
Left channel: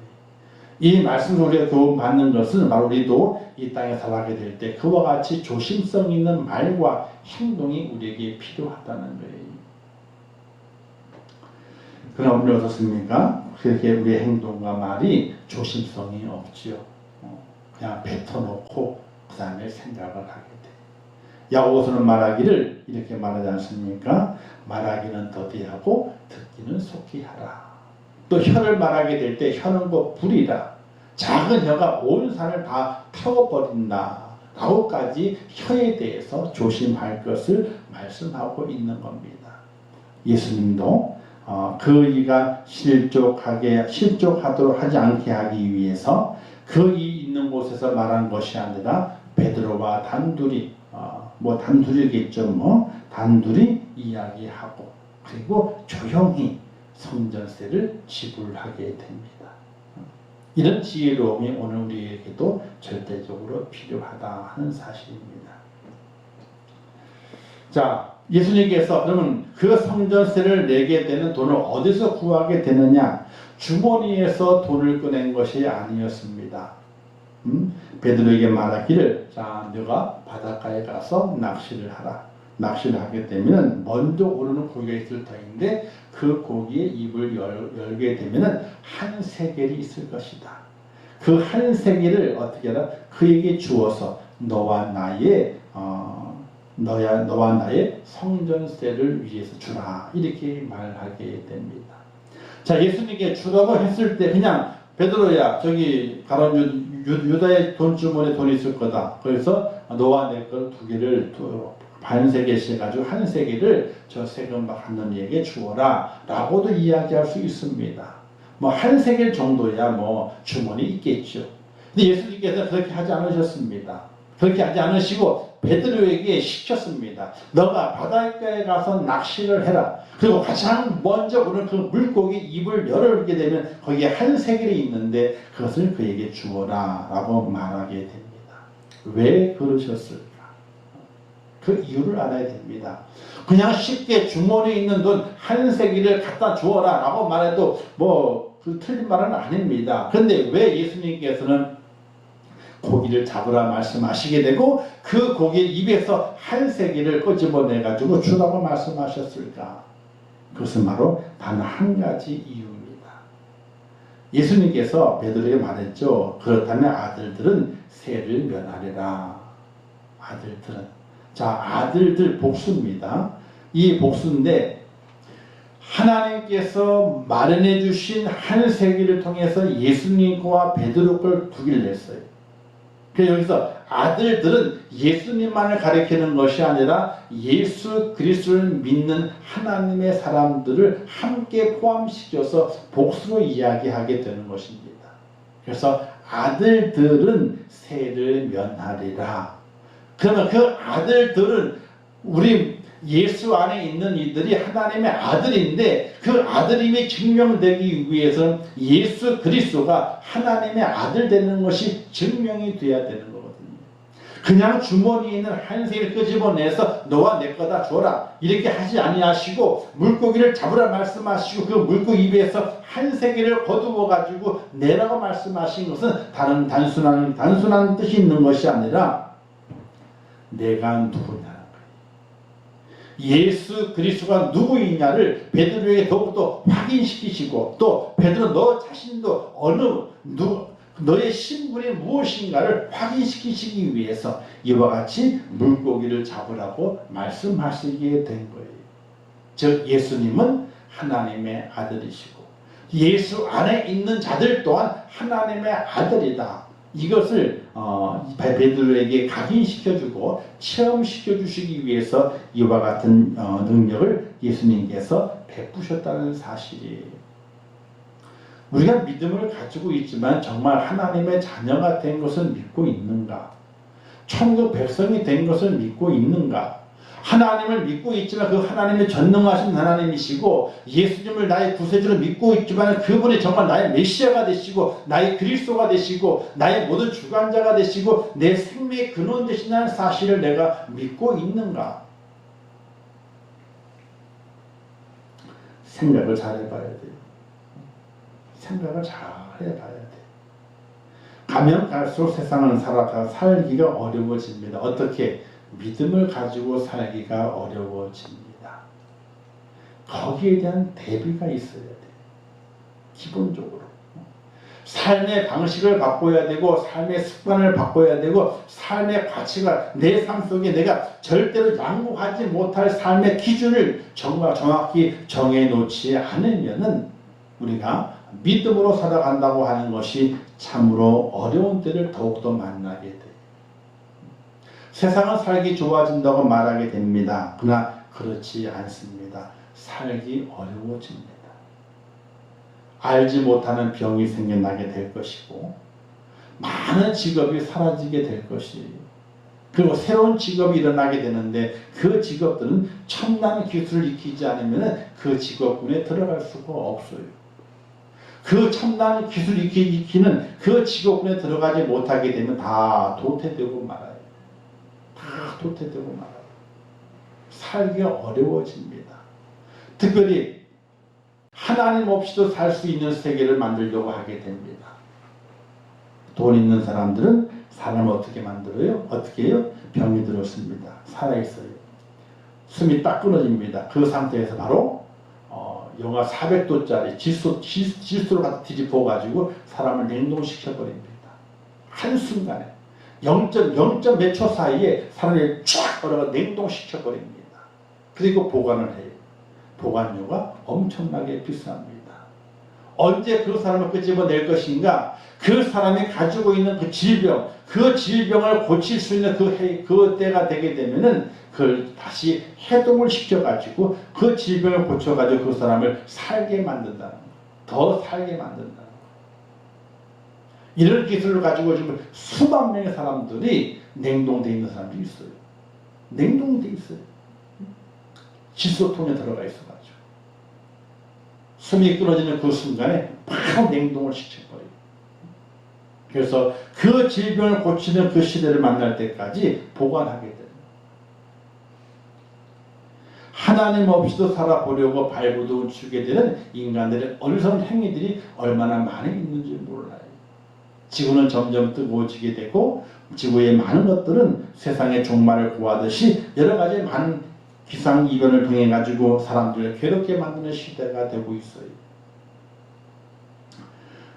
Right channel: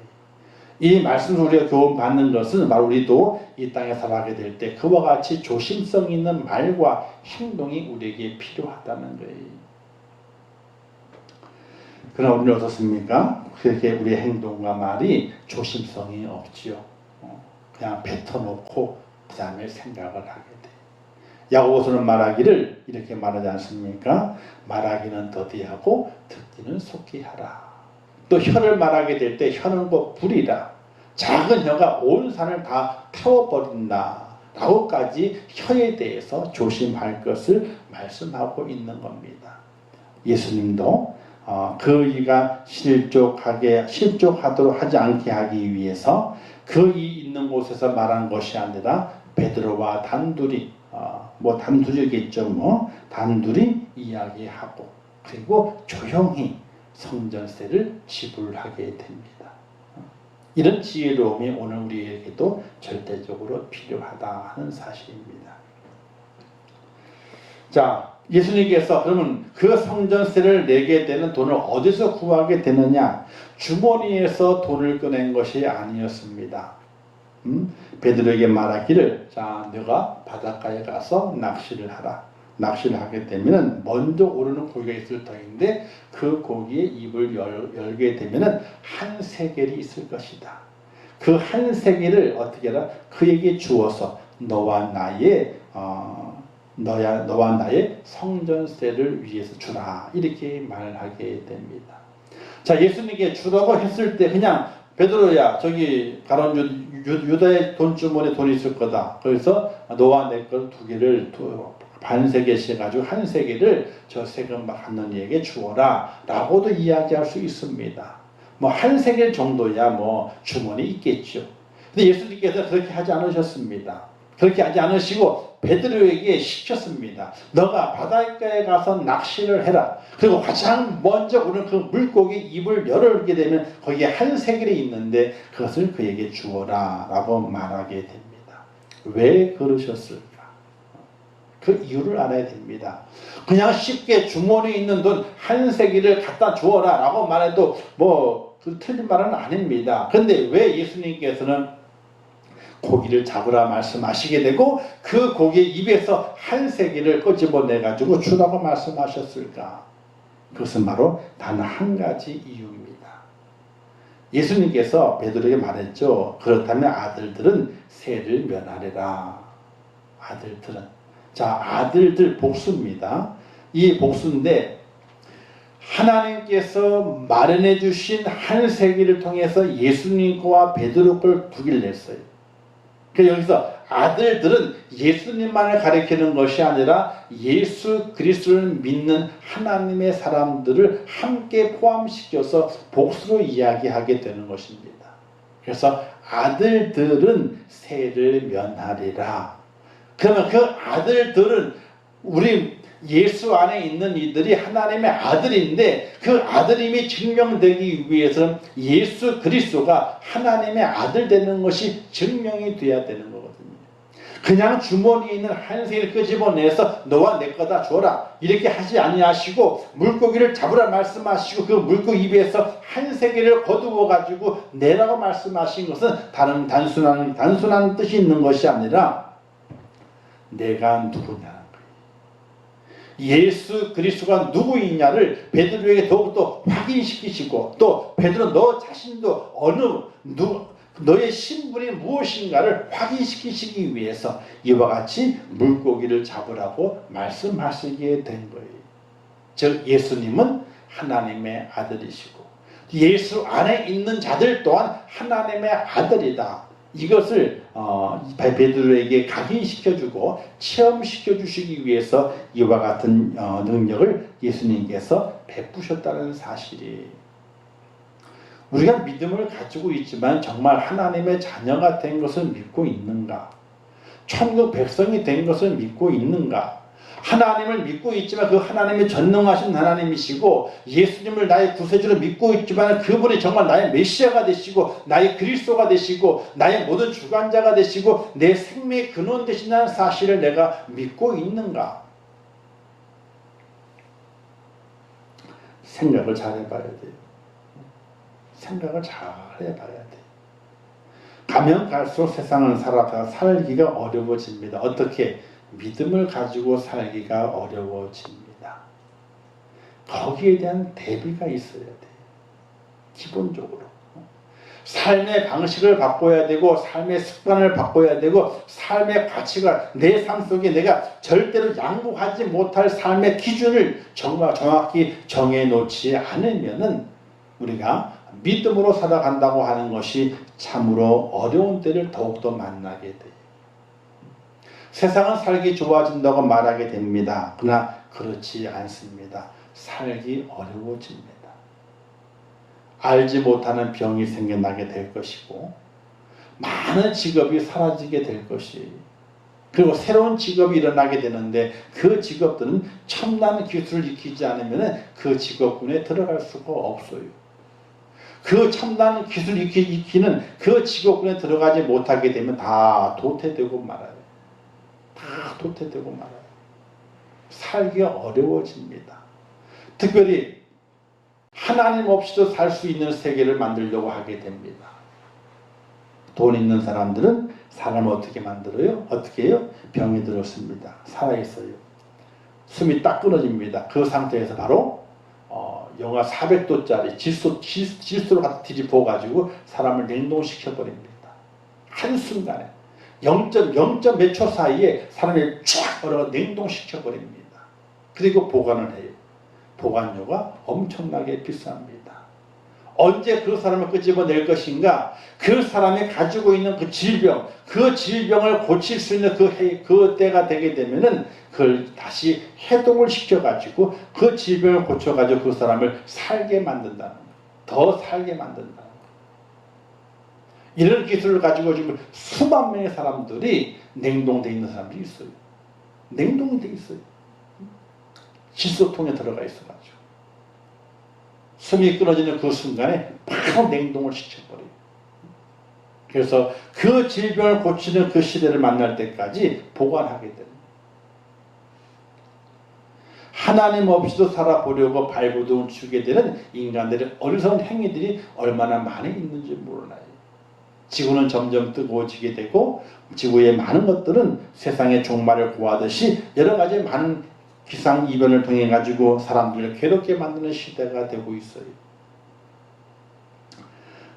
이 말씀을 우리가 교훈받는 것은 바로 우리도 이 땅에 살아가게 될 때 그와 같이 조심성 있는 말과 행동이 우리에게 필요하다는 거예요. 그러나 우리는 어떻습니까? 그렇게 우리의 행동과 말이 조심성이 없지요. 그냥 뱉어놓고 그 다음에 생각을 하게 돼. 야고보서는 말하기를 이렇게 말하지 않습니까? 말하기는 더디하고 듣기는 속히 하라. 또 혀를 말하게 될 때 혀는 곧 불이라. 작은 혀가 온 산을 다 태워버린다. 라고까지 혀에 대해서 조심할 것을 말씀하고 있는 겁니다. 예수님도 그 이가 실족하도록 하지 않게 하기 위해서 그 이 있는 곳에서 말한 것이 아니라 베드로와 단둘이 단둘이겠죠. 단둘이 이야기하고 그리고 조용히 성전세를 지불하게 됩니다. 이런 지혜로움이 오늘 우리에게도 절대적으로 필요하다 하는 사실입니다. 자, 예수님께서 그러면 그 성전세를 내게 되는 돈을 어디서 구하게 되느냐? 주머니에서 돈을 꺼낸 것이 아니었습니다. 베드로에게 말하기를 자 너가 바닷가에 가서 낚시를 하라. 낚시를 하게 되면 먼저 오르는 고기가 있을 터인데 그 고기의 입을 열게 되면 한 세겔이 있을 것이다. 그 한 세겔을 어떻게 하라? 그에게 주어서 너와 나의 성전세를 위해서 주라. 이렇게 말하게 됩니다. 자, 예수님께 주라고 했을 때 그냥 베드로야 저기 가론 유다의 돈주머니에 돈이 있을 거다. 그래서 너와 내 것 두 개를 반 세겔씩 해가지고 한 세겔을 저 세금 받는 이에게 주어라 라고도 이야기할 수 있습니다. 뭐 한 세겔 정도야 뭐 주머니 있겠죠. 근데 예수님께서 그렇게 하지 않으셨습니다. 그렇게 하지 않으시고 베드로에게 시켰습니다. 너가 바닷가에 가서 낚시를 해라. 그리고 가장 먼저 오는 그 물고기 입을 열게 되면 거기에 한 세겔이 있는데 그것을 그에게 주어라 라고 말하게 됩니다. 왜 그러셨을까? 그 이유를 알아야 됩니다. 그냥 쉽게 주머니에 있는 돈 한 세겔을 갖다 주어라 라고 말해도 그 틀린 말은 아닙니다. 그런데 왜 예수님께서는 고기를 잡으라 말씀하시게 되고 그 고기 입에서 한 세겔을 끄집어내가지고 주라고 말씀하셨을까? 그것은 바로 단 한 가지 이유입니다. 예수님께서 베드로에게 말했죠. 그렇다면 아들들은 세를 면하리라. 아들들은. 자, 아들들 복수입니다. 이 복수인데 하나님께서 마련해 주신 한 세계를 통해서 예수님과 베드로 걸 두 개를 냈어요. 그래서 여기서 아들들은 예수님만을 가리키는 것이 아니라 예수 그리스도를 믿는 하나님의 사람들을 함께 포함시켜서 복수로 이야기하게 되는 것입니다. 그래서 아들들은 세를 면하리라. 그러면 그 아들들은 우리 예수 안에 있는 이들이 하나님의 아들인데 그 아들임이 증명되기 위해서는 예수 그리스도가 하나님의 아들 되는 것이 증명이 돼야 되는 거거든요. 그냥 주머니에 있는 한 세겔을 끄집어내서 너와 내 거다 줘라 이렇게 하지 아니하시고 물고기를 잡으라 말씀하시고 그 물고기 입에서 한 세겔을 거두어 가지고 내라고 말씀하신 것은 다른 단순한 뜻이 있는 것이 아니라 내가 누구냐 예수 그리스도가 누구이냐를 베드로에게 더욱더 확인시키시고 또 베드로 너 자신도 너의 신분이 무엇인가를 확인시키시기 위해서 이와 같이 물고기를 잡으라고 말씀하시게 된 거예요. 즉 예수님은 하나님의 아들이시고 예수 안에 있는 자들 또한 하나님의 아들이다. 이것을 베드로에게 각인시켜주고 체험시켜주시기 위해서 이와 같은 능력을 예수님께서 베푸셨다는 사실이에요. 우리가 믿음을 가지고 있지만 정말 하나님의 자녀가 된 것을 믿고 있는가? 천국 백성이 된 것을 믿고 있는가? 하나님을 믿고 있지만 그 하나님이 전능하신 하나님이시고 예수님을 나의 구세주로 믿고 있지만 그분이 정말 나의 메시아가 되시고 나의 그리스도가 되시고 나의 모든 주관자가 되시고 내 생명의 근원 되시는 사실을 내가 믿고 있는가? 생각을 잘 해봐야 돼요. 생각을 잘 해봐야 돼요. 가면 갈수록 세상을 살기가 어려워집니다. 어떻게? 믿음을 가지고 살기가 어려워집니다. 거기에 대한 대비가 있어야 돼요. 기본적으로. 삶의 방식을 바꿔야 되고 삶의 습관을 바꿔야 되고 삶의 가치가 내 삶 속에 내가 절대로 양보하지 못할 삶의 기준을 정말 정확히 정해놓지 않으면은 우리가 믿음으로 살아간다고 하는 것이 참으로 어려운 때를 더욱더 만나게 돼요. 세상은 살기 좋아진다고 말하게 됩니다. 그러나 그렇지 않습니다. 살기 어려워집니다. 알지 못하는 병이 생겨나게 될 것이고 많은 직업이 사라지게 될 것이에요. 그리고 새로운 직업이 일어나게 되는데 그 직업들은 첨단 기술을 익히지 않으면 그 직업군에 들어갈 수가 없어요. 그 첨단 기술 익히는 그 직업군에 들어가지 못하게 되면 다 도태되고 말아요. 다 도태되고 말아요. 살기가 어려워집니다. 특별히 하나님 없이도 살 수 있는 세계를 만들려고 하게 됩니다. 돈 있는 사람들은 사람을 어떻게 만들어요? 어떻게 해요? 병이 들었습니다. 살아있어요. 숨이 딱 끊어집니다. 그 상태에서 바로 영하 400도짜리 질소로 갖다 뒤집어가지고 사람을 냉동시켜버립니다. 한순간에 0. 몇 초 사이에 사람을 쫙 얼어가 냉동시켜버립니다. 그리고 보관을 해요. 보관료가 엄청나게 비쌉니다. 언제 그 사람을 끄집어낼 것인가? 그 사람이 가지고 있는 그 질병, 그 질병을 고칠 수 있는 그 때가 되게 되면은 그걸 다시 해동을 시켜가지고 그 질병을 고쳐가지고 그 사람을 살게 만든다는 거. 더 살게 만든다는 거. 이런 기술을 가지고 지금 수만 명의 사람들이 냉동되어 있는 사람들이 있어요. 냉동되어 있어요. 질소통에 들어가 있어가지고. 숨이 끊어지는 그 순간에 바로 냉동을 시켜버려요. 그래서 그 질병을 고치는 그 시대를 만날 때까지 보관하게 됩니다. 하나님 없이도 살아보려고 발버둥을 치게 되는 인간들의 어리석은 행위들이 얼마나 많이 있는지 몰라요. 지구는 점점 뜨거워지게 되고 지구의 많은 것들은 세상의 종말을 고하듯이 여러 가지 많은 기상이변을 통해 가지고 사람들을 괴롭게 만드는 시대가 되고 있어요.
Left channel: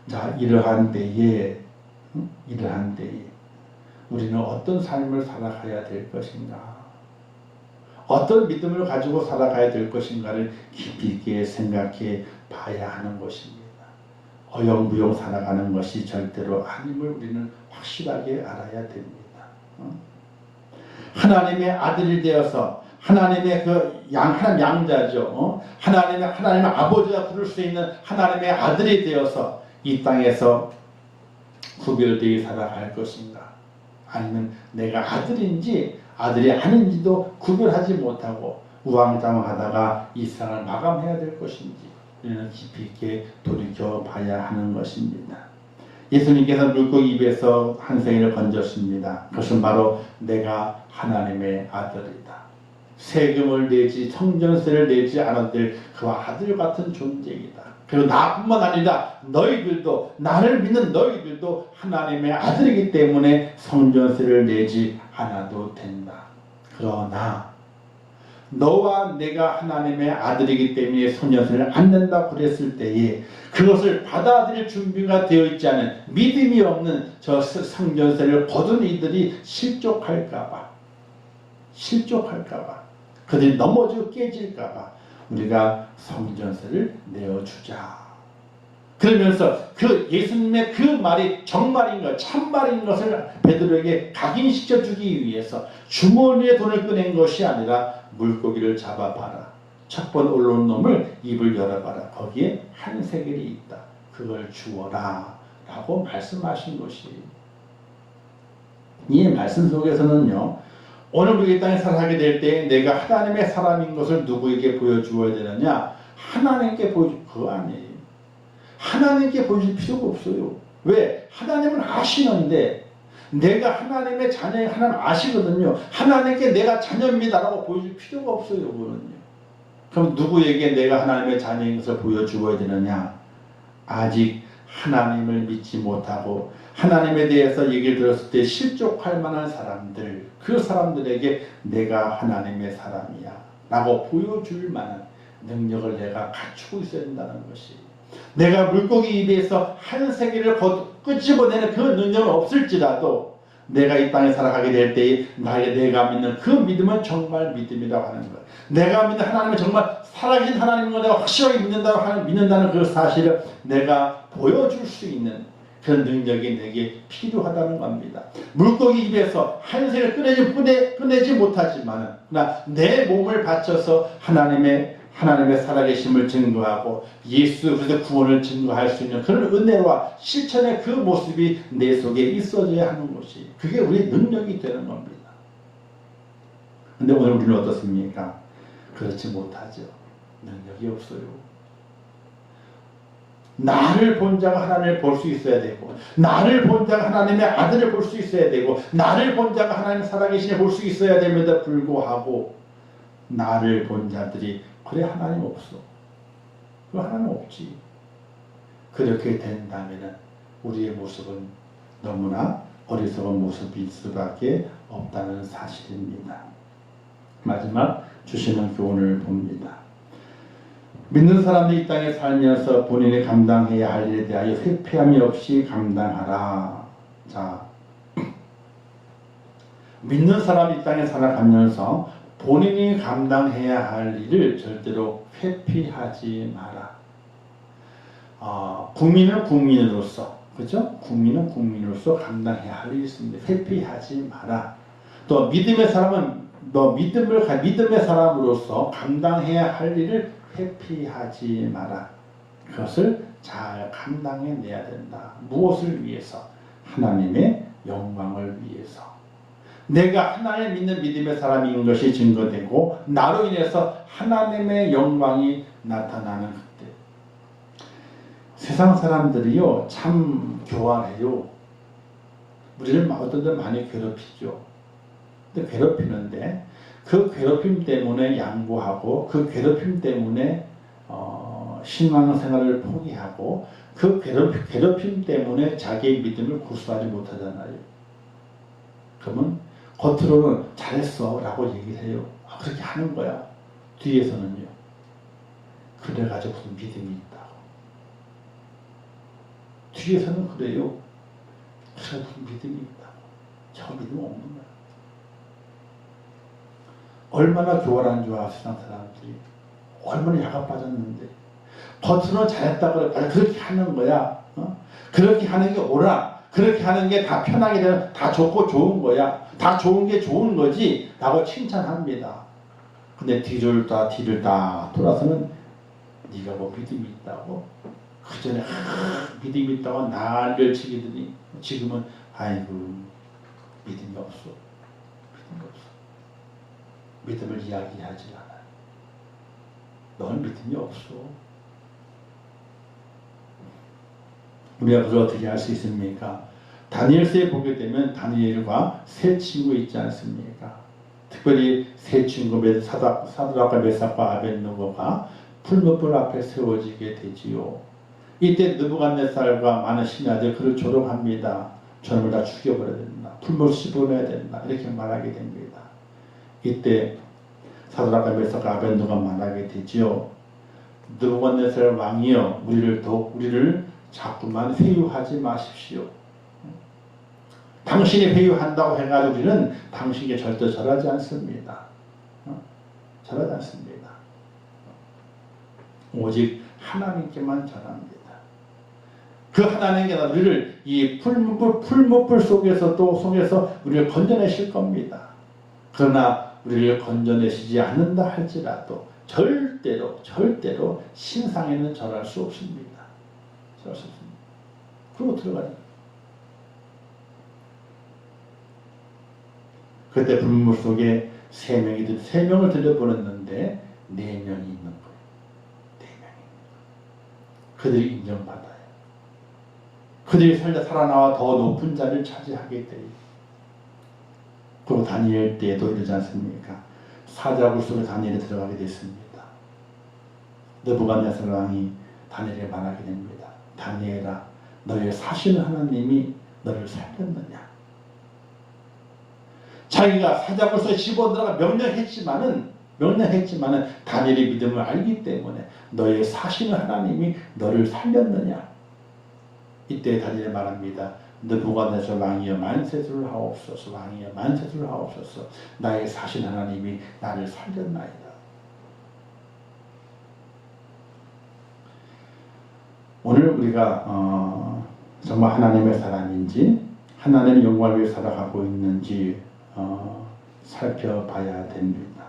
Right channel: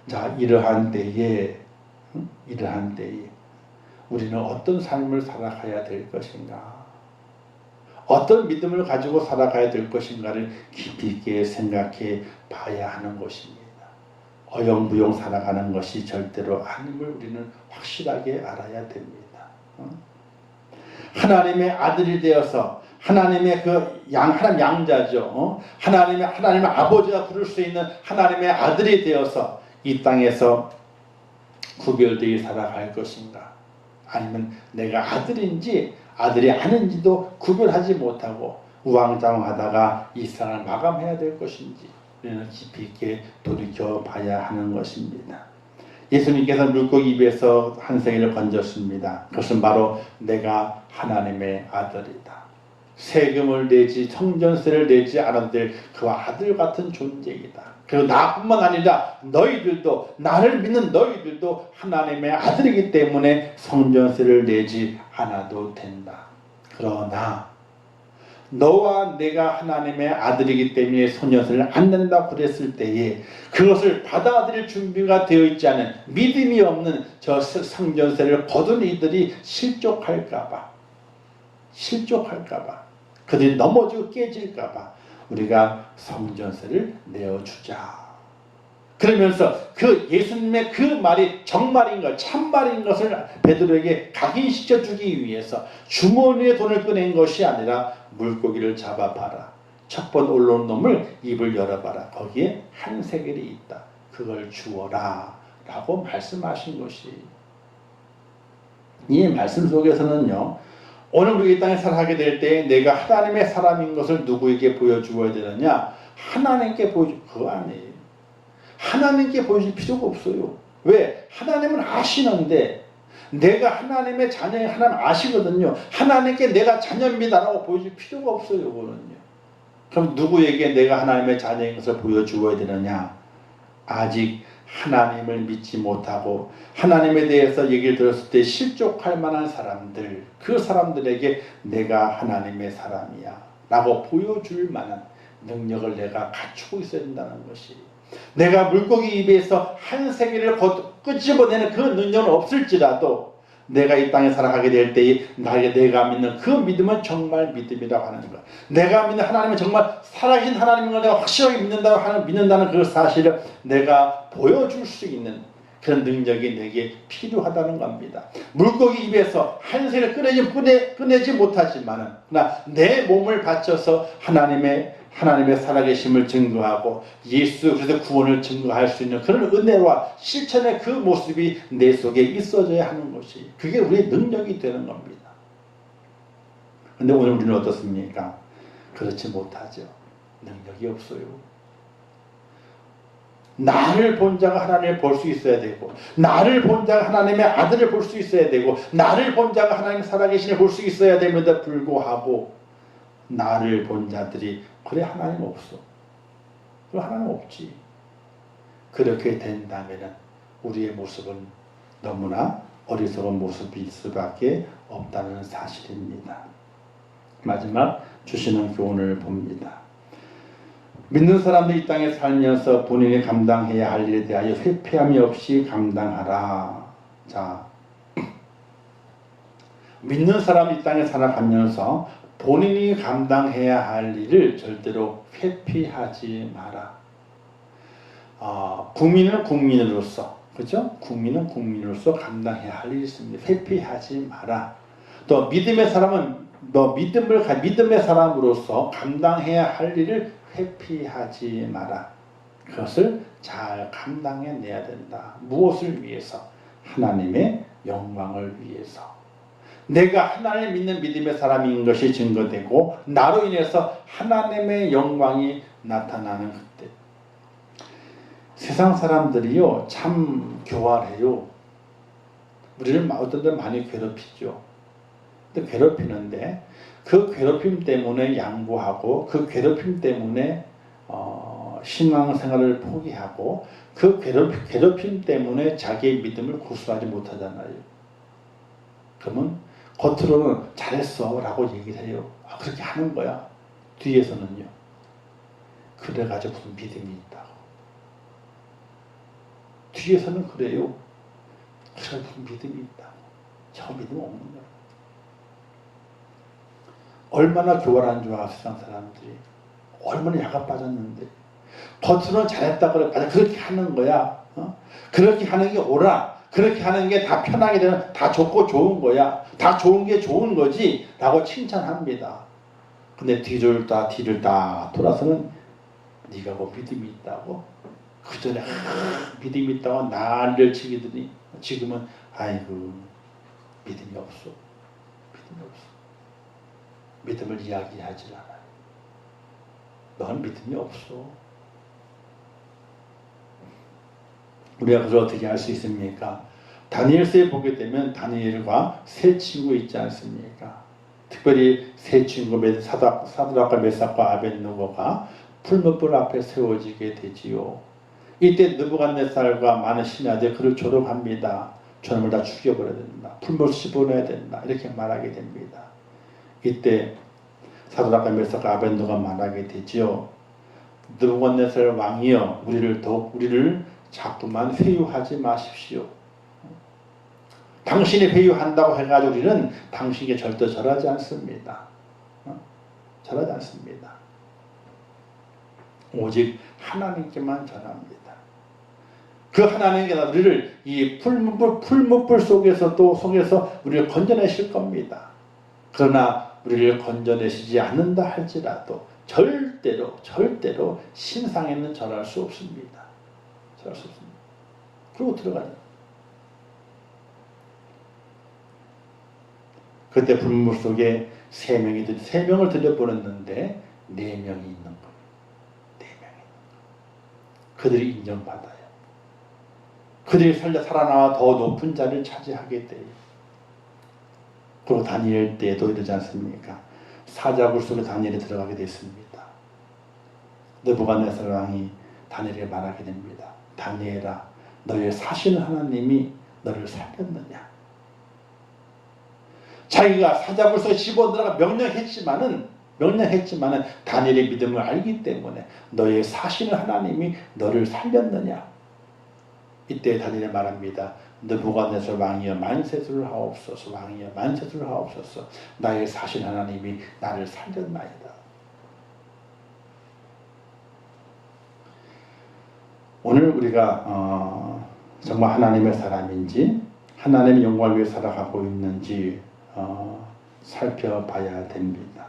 자, 이러한 때에 우리는 어떤 삶을 살아가야 될 것인가? 어떤 믿음을 가지고 살아가야 될 것인가를 깊이 있게 생각해 봐야 하는 것입니다. 어영부영 살아가는 것이 절대로 아님을 우리는 확실하게 알아야 됩니다. 하나님의 아들이 되어서 하나님의 하나님 양자죠. 하나님의 아버지가 부를 수 있는 하나님의 아들이 되어서 이 땅에서 구별되어 살아갈 것인가? 아니면 내가 아들인지 아들이 아닌지도 구별하지 못하고 우왕좌왕하다가 이 세상을 마감해야 될 것인지 우리는 깊이 있게 돌이켜 봐야 하는 것입니다. 예수님께서 물고기 입에서 한 생일을 건졌습니다. 그것은 바로 내가 하나님의 아들이다. 세금을 내지 성전세를 내지 않아도 될 그 아들 같은 존재이다. 그리고 나뿐만 아니라 너희들도, 나를 믿는 너희들도 하나님의 아들이기 때문에 성전세를 내지 않아도 된다. 그러나 너와 내가 하나님의 아들이기 때문에 성전세를 안 낸다고 그랬을 때에 그것을 받아들일 준비가 되어 있지 않은 믿음이 없는 저 성전세를 거둔 이들이 실족할까봐 그들이 넘어지고 깨질까봐 우리가 성전세를 내어주자. 그러면서 그 예수님의 그 말이 정말인 것, 참말인 것을 베드로에게 각인시켜 주기 위해서 주머니에 돈을 꺼낸 것이 아니라 물고기를 잡아봐라. 첫 번 올라온 놈을 입을 열어봐라. 거기에 한 세겔이 있다. 그걸 주어라. 라고 말씀하신 것이. 이 말씀 속에서는요. 오늘 우리 이 땅에 살아가게 될 때 내가 하나님의 사람인 것을 누구에게 보여주어야 되느냐? 하나님께 그거 아니에요. 하나님께 보여줄 필요가 없어요. 왜? 하나님은 아시는데 내가 하나님의 자녀인 하나님 아시거든요. 하나님께 내가 자녀입니다라고 보여줄 필요가 없어요. 그거는요. 그럼 누구에게 내가 하나님의 자녀인 것을 보여주어야 되느냐? 아직 하나님을 믿지 못하고 하나님에 대해서 얘기를 들었을 때 실족할 만한 사람들, 그 사람들에게 내가 하나님의 사람이야 라고 보여줄 만한 능력을 내가 갖추고 있어야 된다는 것이. 내가 물고기 입에서 한 세계를 끄집어내는 그 능력은 없을지라도 내가 이 땅에 살아가게 될 때에 내가 믿는 그 믿음은 정말 믿음이라고 하는 것. 내가 믿는 하나님은 정말 살아계신 하나님인 걸 내가 확실하게 믿는다는 그 사실을 내가 보여줄 수 있는 그런 능력이 내게 필요하다는 겁니다. 물고기 입에서 한 세를 꺼내지 못하지만 내 몸을 바쳐서 하나님의 살아계심을 증거하고 예수 그리스도의 구원을 증거할 수 있는 그런 은혜와 실천의 그 모습이 내 속에 있어져야 하는 것이 그게 우리의 능력이 되는 겁니다. 그런데 오늘 우리는 어떻습니까? 그렇지 못하죠. 능력이 없어요. 나를 본 자가 하나님을 볼 수 있어야 되고 나를 본 자가 하나님의 아들을 볼 수 있어야 되고 나를 본 자가 하나님 살아계신을 볼 수 있어야 됨에도 불구하고 나를 본 자들이 그래 하나님 없어. 하나님 없지. 그렇게 된다면 우리의 모습은 너무나 어리석은 모습이 있을 수밖에 없다는 사실입니다. 마지막 주시는 교훈을 봅니다. 믿는 사람들이 이 땅에 살면서 본인이 감당해야 할 일에 대하여 회피함이 없이 감당하라. 자, 믿는 사람이 이 땅에 살아가면서 본인이 감당해야 할 일을 절대로 회피하지 마라. 국민은 국민으로서, 그죠? 국민은 국민으로서 감당해야 할 일이 있습니다. 회피하지 마라. 또 믿음의 사람은 믿음의 사람으로서 감당해야 할 일을 회피하지 마라. 그것을 잘 감당해내야 된다. 무엇을 위해서? 하나님의 영광을 위해서. 내가 하나님 믿는 믿음의 사람인 것이 증거되고 나로 인해서 하나님의 영광이 나타나는 그때 세상 사람들이요 참 교활해요. 우리를 어떤 데 많이 괴롭히죠. 근데 괴롭히는데 그 괴롭힘 때문에 양보하고 그 괴롭힘 때문에 신앙생활을 포기하고 그 괴롭힘 때문에 자기의 믿음을 고수하지 못하잖아요. 그러면 겉으로는 잘했어 라고 얘기를 해요. 그렇게 하는 거야. 뒤에서는요. 그래가지고 무슨 믿음이 있다고. 뒤에서는 그래요. 그래서 무슨 믿음이 있다고. 저 믿음 없는 거야. 얼마나 교활한 줄 알아, 세상 사람들이. 얼마나 야가 빠졌는데. 겉으로는 잘했다고 그렇게 하는 거야. 그렇게 하는 게 옳아. 그렇게 하는 게 다 편하게 되는, 다 좋고 좋은 거야. 다 좋은 게 좋은 거지. 라고 칭찬합니다. 근데 뒤를 다 돌아서는 네가 뭐 믿음이 있다고? 그 전에 믿음이 있다고 난리를 치기더니 지금은 아이고 믿음이 없어. 믿음이 없어. 믿음을 이야기하지 않아요. 넌 믿음이 없어. 우리가 그걸 어떻게 할 수 있습니까? 다니엘서에 보게 되면 다니엘과 세 친구 있지 않습니까? 특별히 세 친구 사드락과 메삭과 아벳느고가 풀무불 앞에 세워지게 되지요. 이때 느부갓네살과 많은 신하들이 그를 조롱합니다. 저놈을 다 죽여버려야 된다. 풀무를 씹어내야 된다. 이렇게 말하게 됩니다. 이때 사드락과 메삭과 아벳느고가 말하게 되지요. 느부갓네살 왕이여 우리를 자꾸만 회유하지 마십시오. 당신이 회유한다고 해가지고 우리는 당신에게 절대 절하지 않습니다. 절하지 않습니다. 오직 하나님께만 절합니다. 그 하나님께서 우리를 이 풀무불 속에서 우리를 건져내실 겁니다. 그러나 우리를 건져내시지 않는다 할지라도 절대로 신상에는 절할 수 없습니다. 절할 수 없습니다. 그러고 들어가요. 그때 불물 속에 세 명을 들여보냈는데 4명이 있는 거예요. 4명이. 그들이 인정받아요. 그들이 살아나와 더 높은 자리를 차지하게 돼요. 그리고 다니엘 때에도 이러지 않습니까? 사자굴 속에 다니엘이 들어가게 됐습니다. 느부갓네살 왕이 다니엘에게 말하게 됩니다. 다니엘아, 너의 사신 하나님이 너를 살렸느냐? 자기가 사자굴 속에 집어들어가 명령했지만은 다니엘의 믿음을 알기 때문에 너의 사신 하나님이 너를 살렸느냐? 이때 다니엘이 말합니다. 느부갓네살 왕이여 만세를 하옵소서. 왕이여 만세를 하옵소서. 나의 사신 하나님이 나를 살렸나이다. 오늘 우리가 정말 하나님의 사람인지 하나님의 영광을 위해 살아가고 있는지 살펴봐야 됩니다.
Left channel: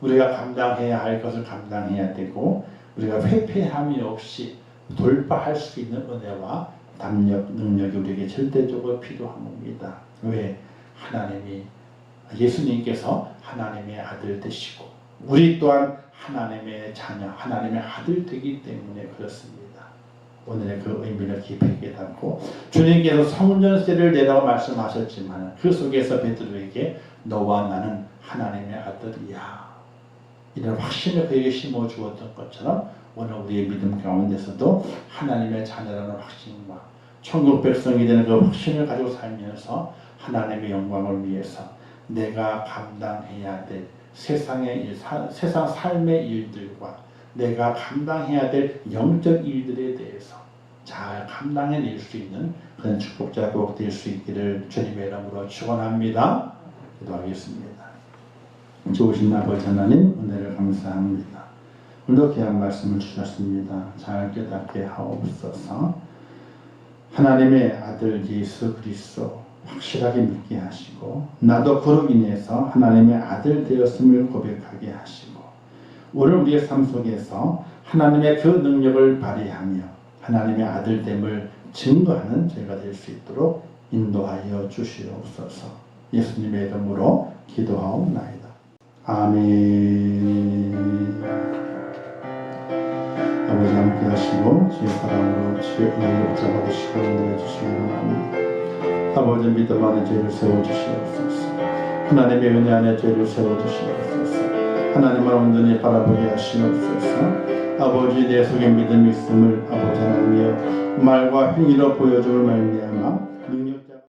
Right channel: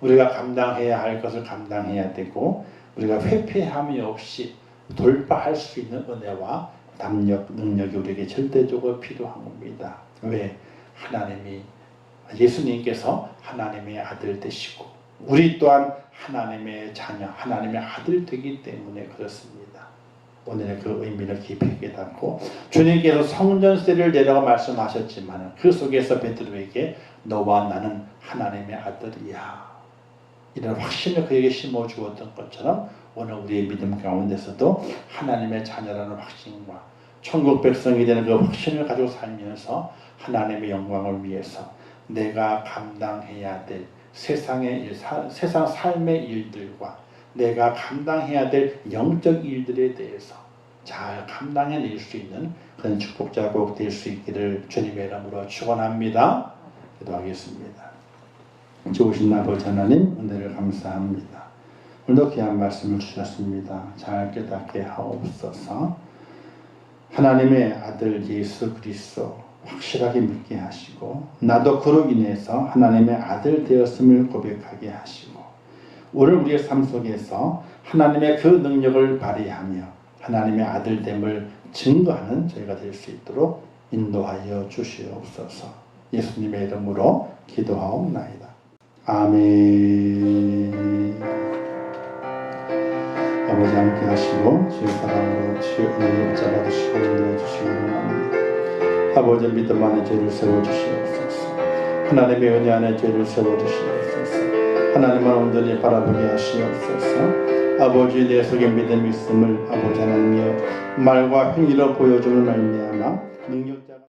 우리가 감당해야 할 것을 감당해야 되고 우리가 회피함이 없이 돌파할 수 있는 은혜와 담력, 능력이 우리에게 절대적으로 필요한 겁니다. 왜? 예수님께서 하나님의 아들 되시고 우리 또한 하나님의 자녀, 하나님의 아들 되기 때문에 그렇습니다. 오늘의 그 의미를 깊이 깨닫고 주님께서 성전세를 내라고 말씀하셨지만 그 속에서 베드로에게 너와 나는 하나님의 아들이야 이런 확신을 그에게 심어주었던 것처럼 오늘 우리의 믿음 가운데서도 하나님의 자녀라는 확신과 천국 백성이 되는 그 확신을 가지고 살면서 하나님의 영광을 위해서 내가 감당해야 될 세상의 일, 세상 삶의 일들과 내가 감당해야 될 영적 일들에 대해서 잘 감당해낼 수 있는 그런 축복자가 꼭 될 수 있기를 주님의 이름으로 축원합니다. 기도하겠습니다. 좋으신 아버지 하나님, 은혜를 감사합니다. 오늘도 귀한 말씀을 주셨습니다. 잘 깨닫게 하옵소서. 하나님의 아들 예수 그리스도 확실하게 믿게 하시고 나도 그로 인해서 하나님의 아들 되었음을 고백하게 하시고 오늘 우리의 삶 속에서 하나님의 그 능력을 발휘하며 하나님의 아들됨을 증거하는 저희가 될 수 있도록 인도하여 주시옵소서. 예수님의 이름으로 기도하옵나이다. 아멘. 아버지 함께 하시고 주의 사랑으로 주의 붙잡아 주시고 인도해 주시기 원합니다. 아버지 믿음 안에 죄를 세워주시옵소서. 하나님의 은혜 안에 죄를 세워주시옵소서. 하나님을 온전히 바라보게 하시옵소서. 아버지 내 속에 믿음이 있음을 아버지 하나님의 말과 행위로 보여줌을 말미암아